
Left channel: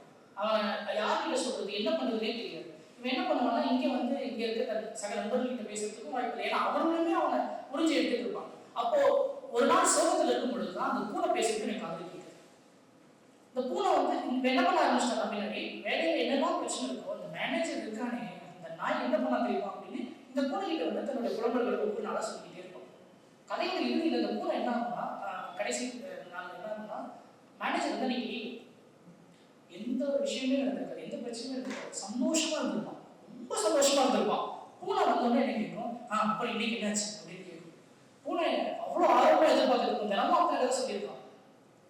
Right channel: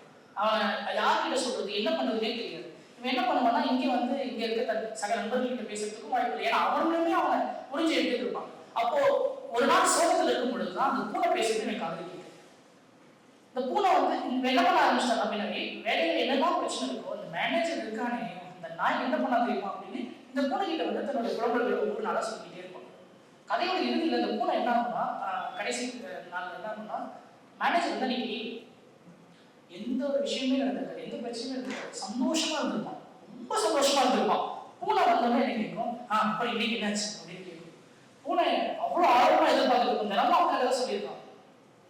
அவன் யார்கிட்ட சொல்றது என்ன பண்றதுன்னே தெரியாது. இவன் என்ன பண்ணுவான்னா இங்க இருக்க சக நண்பர்கள்கிட்ட பேசுறதுக்கும் வாய்ப்பு இல்லை. ஏன்னா அவனுமே அவனை புரிஞ்சு எடுத்துட்டு இருப்பான். அப்போ ஒரு நாள் சோகத்துல இருக்கும் பொழுதுதான் அந்த பூனை பேசுறது எனக்கு காது கேட்குது. இந்த பூனை இப்ப என்ன பண்ண ஆரம்பிச்சிட்டாங்க அப்படின்னாவே வேலையில என்னெல்லாம் பிரச்சனை இருக்கோ அந்த மேனேஜர் இருக்கானே அந்த நாய் என்ன பண்ண தெரியுமா அப்படின்னு இந்த பூனை கிட்ட தன்னுடைய குழந்தைகளை ஒவ்வொரு நாளா சொல்லிக்கிட்டே இருப்பான். கதையோட இறுதியில் இந்த பூனை என்ன ஆகும்னா கடைசி நாள் என்ன ஆகும்னா மேனேஜர் இன்னைக்கு எந்த ஒரு விஷயமே நடந்திருக்காது, எந்த பிரச்சனையும் இருந்திருக்காது, சந்தோஷமா இருந்திருப்பான், ரொம்ப சந்தோஷமா இருந்திருப்பான். பூனை வந்தோடனே என்ன கேட்கும், அப்ப இன்னைக்கு என்னாச்சு அப்படின்னு கேட்கும். பூனை அவ்வளவு ஆழமா எதிர்பார்த்துருக்கும், தினமும் அவங்க ஏதாவது சொல்லியிருக்கான்,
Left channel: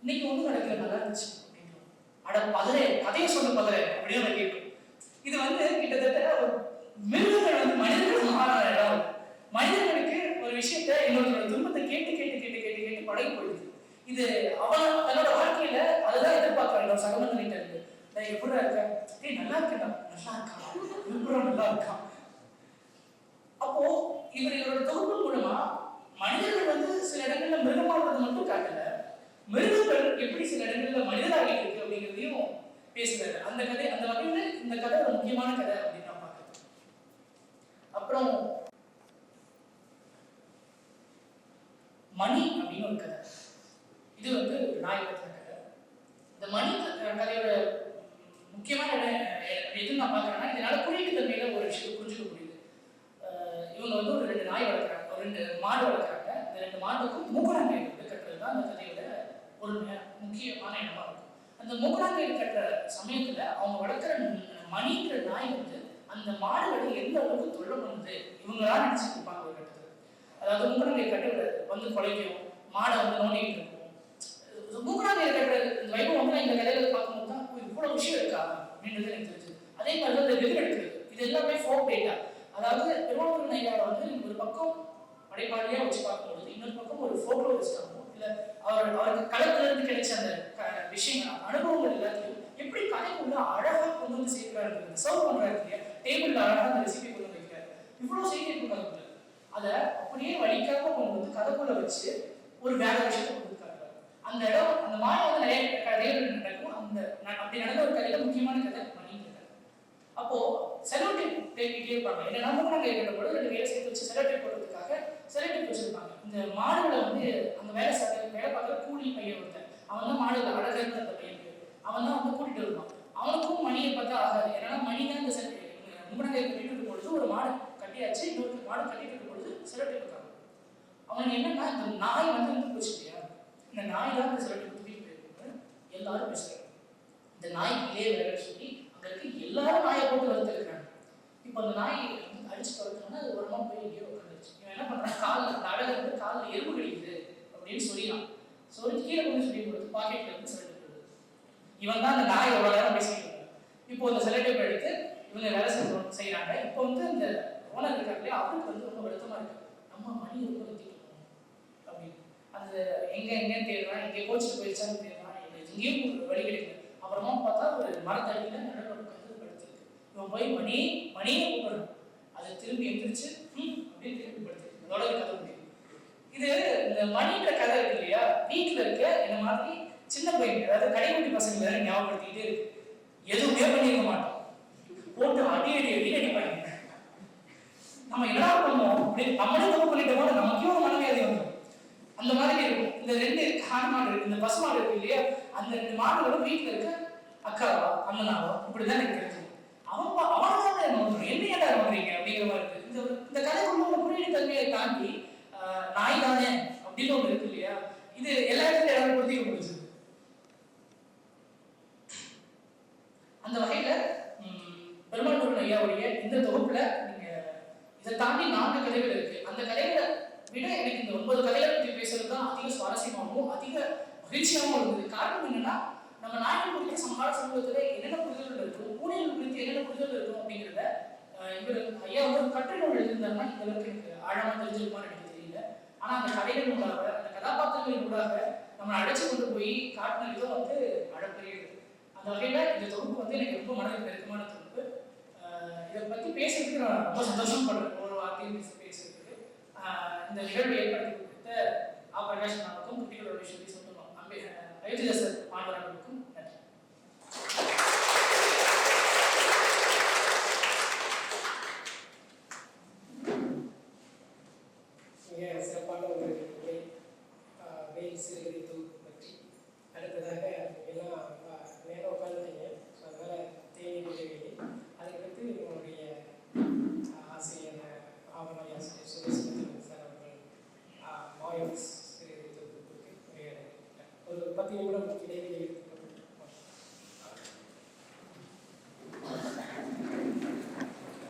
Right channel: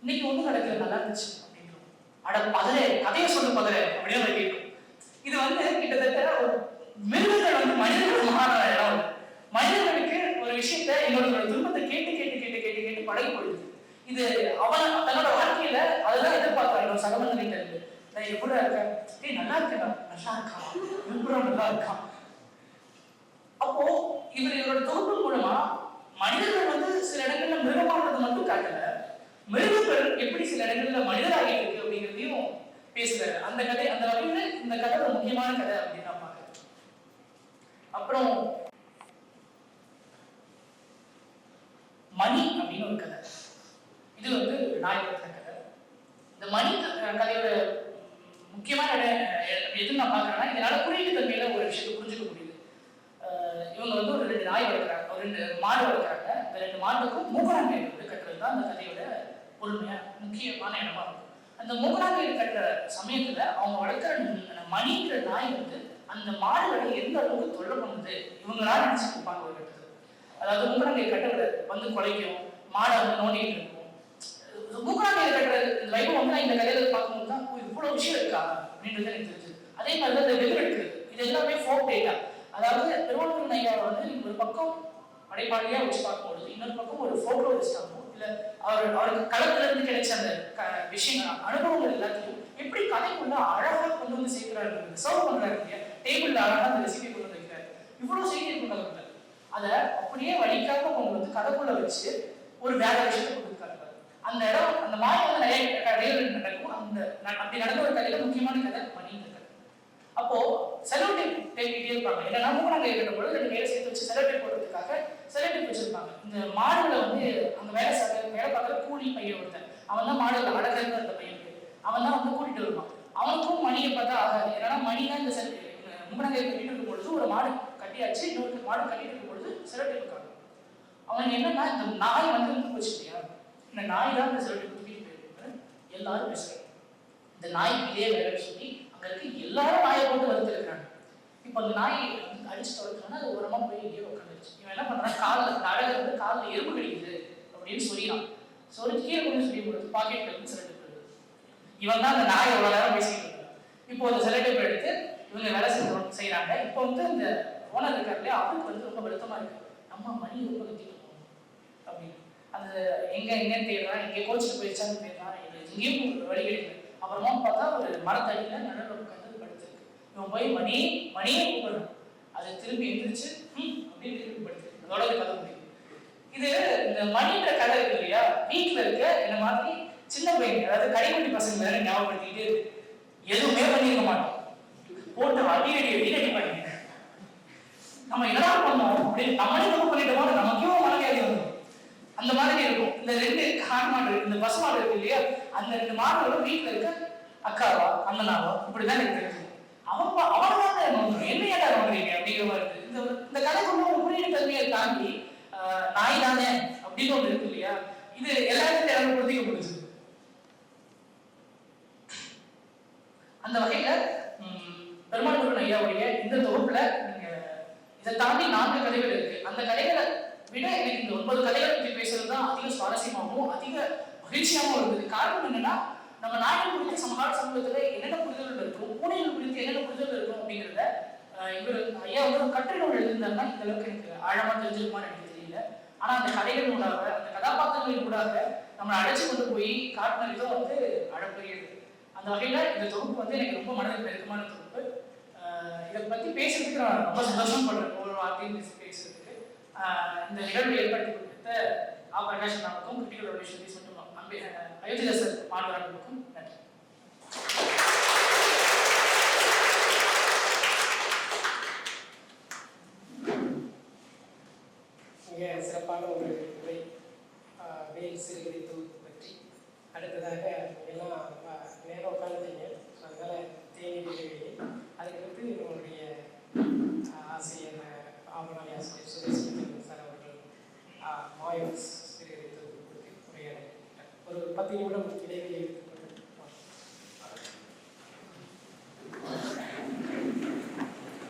இன்னைக்கு ஒன்றும் நடக்கல நல்லா இருந்துச்சு அப்படின்னு. அட பதறே கதையை சொல்லு பதறே அப்படின்னு கேட்கும். இது கிட்டத்தட்ட ஒரு மிருகங்கள் மனிதர்கள் மாறான இடம். மனிதர்களுக்கு ஒரு விஷயத்த என்னோட துன்பத்தை கேட்டு கேட்டு கேட்டு கேட்டு கேட்டு பழகி போயிடுது. இது அவன் தன்னோட வாழ்க்கையில அதுதான் எதிர்பார்க்கிறான். சகமந்திட்ட இருக்கு நான் எப்படி இருக்கேன், நல்லா இருக்கேன், நல்லா இருக்கான், நல்லா இருக்கான். அப்போ இவரோட தொகுப்பு மூலமா மனிதர்கள் சில இடங்கள்ல மிருகமானது மட்டும் காட்டல, மிருகங்கள் எப்படி சில இடங்கள்ல மனிதராகிட்டு இருக்கு அப்படிங்கிறதையும் பேசுறாரு. அந்த கதை அந்த வகையில இந்த கதை ஒரு முக்கியமான கதை அப்படின்னு நான் பாக்குறேன். அப்புறம் மணி அப்படின்னு ஒரு கதை. இது நாய் பத்தின கதை. இந்த மணி கதையோட முக்கியமான இடம் எதுன்னு நான் பாக்குறேன்னா இதனால குறியீட்டு தன்மையில ஒரு விஷயத்தை புரிஞ்சுக்க முடியுது. இவங்க ஒரு 2 நாய் வளர்க்குறாங்க, ஒரு 2 மாடு வளர்க்குறாங்க. இந்த 2 மாடுக்கும் மூக்கணாங்கயிறு கட்டுறது தான் அந்த கதையோட ஒரு முக்கியமான இடமா இருக்கும். அந்த மூக்கணாங்கயிறு கட்டுற சமயத்துல அவங்க வளர்க்குற மணிங்கிற நாய் அந்த மாடுகளை எந்த அளவுக்கு தொல்லை பண்ணுது இவங்களால நினைச்சிட்டு இருப்பாங்க ஒரு கட்டத்துல. அதாவது மூக்கணாங்கயிறு கட்ட குலைக்கும், மாடை நோண்டிட்டு இருக்கும். மூக்கணாங்கயிறு கட்டுற வைபவம் இந்த கதையில பார்க்கும்போது தான் இவ்வளவு விஷயம் இருக்காங்க அப்படின்றது எனக்கு தெரிஞ்சது. அதே மாதிரி இந்த வெகு எடுக்கிறது இது எல்லாமே ஃபோக் டேட்டா. அதாவது திருவள்ளூர் நையா ஒரு பக்கம் அடைப்பாளியா வச்சு பார்க்கும்போது இன்னொரு பக்கம் ஒரு ஃபோட்டோலிஸ்டாகவும் இல்ல அவருக்கு களத்துல இருந்து கிடைச்ச அந்த விஷயங்கள் அனுபவங்கள் எல்லாத்தையும் எப்படி கதைக்குள்ள அழகா கொண்டு வந்து சேர்க்கிறாரு, சர்வ் பண்றாரு, டேபிள்ல அழகா அந்த ரெசிபி கொண்டு வந்து வைக்கிறாரு. இவ்வளவு செய்தி கொண்டாங்க அதை அப்படியே வழிக்காக கொண்டு கதைக்குள்ள வச்சு ஒரு வேற விஷயத்தை கொடுக்காரு. அந்த இடம் அந்த மாதிரி நிறைய கதைகள் நடக்கும். அந்த அப்படி நடந்த ஒரு கதையில முக்கியமான கதை மணிங்கிறது. அப்போ செலோடேப் தேடிட்டே இருப்பாங்க. ஏன்னா மூணாங்க இருக்கிற பொழுது 2 பேரை சேர்த்து வச்சு செலோடேப் போடுறதுக்காக செலோடேப் வச்சிருப்பாங்க. இந்த மாடுல அங்க வேலை பார்க்குற கூலி பையன் ஒருத்தன், அவன் தான் மாடுல அழகர் அந்த பையன், அவன் தான் கூட்டிட்டு வருவான். அவனுக்கும் மணியை பார்த்தா ஆகாது. ஏன்னா மணி தான் இந்த மூணாங்க கட்டிட்டு இருக்கும் பொழுது ஒரு மாடு கட்டியாச்சு, இன்னொரு மாடு கட்டிட்டு இருக்கும் பொழுது செலோடேப் இருக்காங்க. அவனுக்கு என்னன்னா இந்த நாய் வந்து வச்சு இல்லையா, இந்த நாய் தான் இந்த செலக்ட் தூக்கிட்டு போயிருக்கு எல்லாரும் பேசுறாங்க. இந்த நாய் இதே வேலை சொல்லி அங்க இருக்க எல்லாரும் நாயை போட்டு வளர்த்துருக்காங்க. இப்போ அந்த நாய் அடிச்சு வளர்க்கணும்னா அது ஓரமா போய் எங்கேயோ உட்காந்துருச்சு. இவன் என்ன பண்றான், காலில் அழகு இருந்து காலில் எறும்பு கழிக்குது அப்படின்னு சொல்லிடான். சொல்லி கீழே கொண்டு சொல்லி கொடுத்து பாக்கெட்ல இருந்து செலக்ட் பண்ணுறது. இவன் தான் அந்த நாயை எவ்வளோ நேரம் பேசிட்டு இருக்கான். இப்போ அந்த செலக்ட் எடுத்து இவங்க வேலை செய்யறாங்க. இப்போ வந்து இந்த ஓனர் இருக்காரு அவருக்கு வந்து ரொம்ப வருத்தமா இருக்கு, நம்ம மணி ரொம்ப கத்திட்டு இருக்கோம் அப்படின்னு. அது எங்கன்னு தேடுறான், எங்கே கோச்சிட்டு போயிடுச்சான்னு தேடுறான், எங்கேயும் வழி கிடைக்குது. அப்புறமா பார்த்தா ஒரு மரத்தடியில நடுவில் உட்காந்து படுத்திருக்கு. இவன் போய் மணியே கூப்பிடுறான். அது திரும்பி எந்திரிச்சு அப்படின்னு திரும்பி படுத்திருக்கு. இதோட கதை முடியும். இது இந்த மணின்ற கதை இருக்கு இல்லையா, வீட்டில் இருக்க இந்த மாதிரி சின்ன பையன், அதாவது கடைக்குட்டி பசங்க ஞாபகப்படுத்திட்டு எதுவுமே பண்ணிருக்க மாட்டோம், போட்டு அடி பண்ணி நம்ம என்ன பண்ணுவோம் அப்படின்னு நம்மளே தப்பு பண்ணிட்டோமோ நமக்கும் மனநிலை வரும். அந்த மாதிரி இருக்கும். இந்த ரெண்டு மாடு இருக்கு, இந்த பசு மாடு இருக்கு இல்லையா, அந்த ரெண்டு மாடுகளோட வீட்டுல இருக்க அக்காவா அண்ணனாவா இப்படிதான் இருக்கு. அவனதான் என்ன ஏடா பண்றீங்க அப்படிங்கிற மாதிரி இருக்கு. இந்த கதைக்குள்ள குறியீடு தன்மையை தாண்டி நாய் தானே அப்படின்னு ஒன்று இருக்கு இல்லையா, இது எல்லா இடத்துல பிரதிக்கப்படுது. அந்த வகையில பெருமாள் முருகன் ஐயாவுடைய இந்த தொகுப்புல இதை தாண்டி 4 கதைகள் இருக்கு. அந்த கதைகளை விட எனக்கு இந்த 9 கதைகளை பற்றி பேசுறது தான் அதிக சுவாரஸ்யமாகவும் அதிக மகிழ்ச்சியாகவும் இருந்தது. காரணம் என்னன்னா, நம்ம நாட்டின் குறித்து சமகால சமூகத்துல என்னென்ன புரிதல்கள் இருக்கும், பூனைகள் குறித்து என்னென்ன புரிதல் இருக்கும் அப்படிங்கிறத இவர் ஐயா வந்து கட்டுரை நூல் எழுதியிருந்தாருன்னா இந்த அளவுக்கு எனக்கு ஆழமா தெரிஞ்சிருக்குமான்னு எனக்கு தெரியல. ஆனா அந்த கதைகள் மூடாக, அந்த கதாபாத்திரங்களின் மூடாக நம்ம அழைச்சி கொண்டு போய் காட்டின விதம் வந்து அழப்பெரியது. அந்த வகையில இந்த தொகுப்பு வந்து எனக்கு ரொம்ப மனதில் நெருக்கமான தொகுப்பு. இதை பத்தி பேசுறதுக்கு நான் ரொம்ப சந்தோஷம் பண்றேன். ஒரு வார்த்தையும் பேசுறதுக்கு இந்த நிகழ்வை ஏற்படுத்தி கொடுத்த பிரகாஷ் நாவுக்கும் கிருத்திகளோட சொல்லி அயோத்திதாசர் மாணவர்களுக்கும் நன்றி. மிக சிறப்பான ஒரு உரை வெயில் சிறுகதை தொகுப்பு பற்றி. அடுத்ததாக எல்லாம் நேரம் உட்காந்துட்டீங்க, அதனால தேனி இடைவெளி. அதுக்கடுத்து உங்களுடைய ஆசிரியர் ஆவணாளி ஆசிரியர் சுரேஷ் சார் அவர்கள் மாயோஸ் சிறுகதை தொகுப்பு கொடுத்து ஒரு 10 நிமிடம் இடைவெளி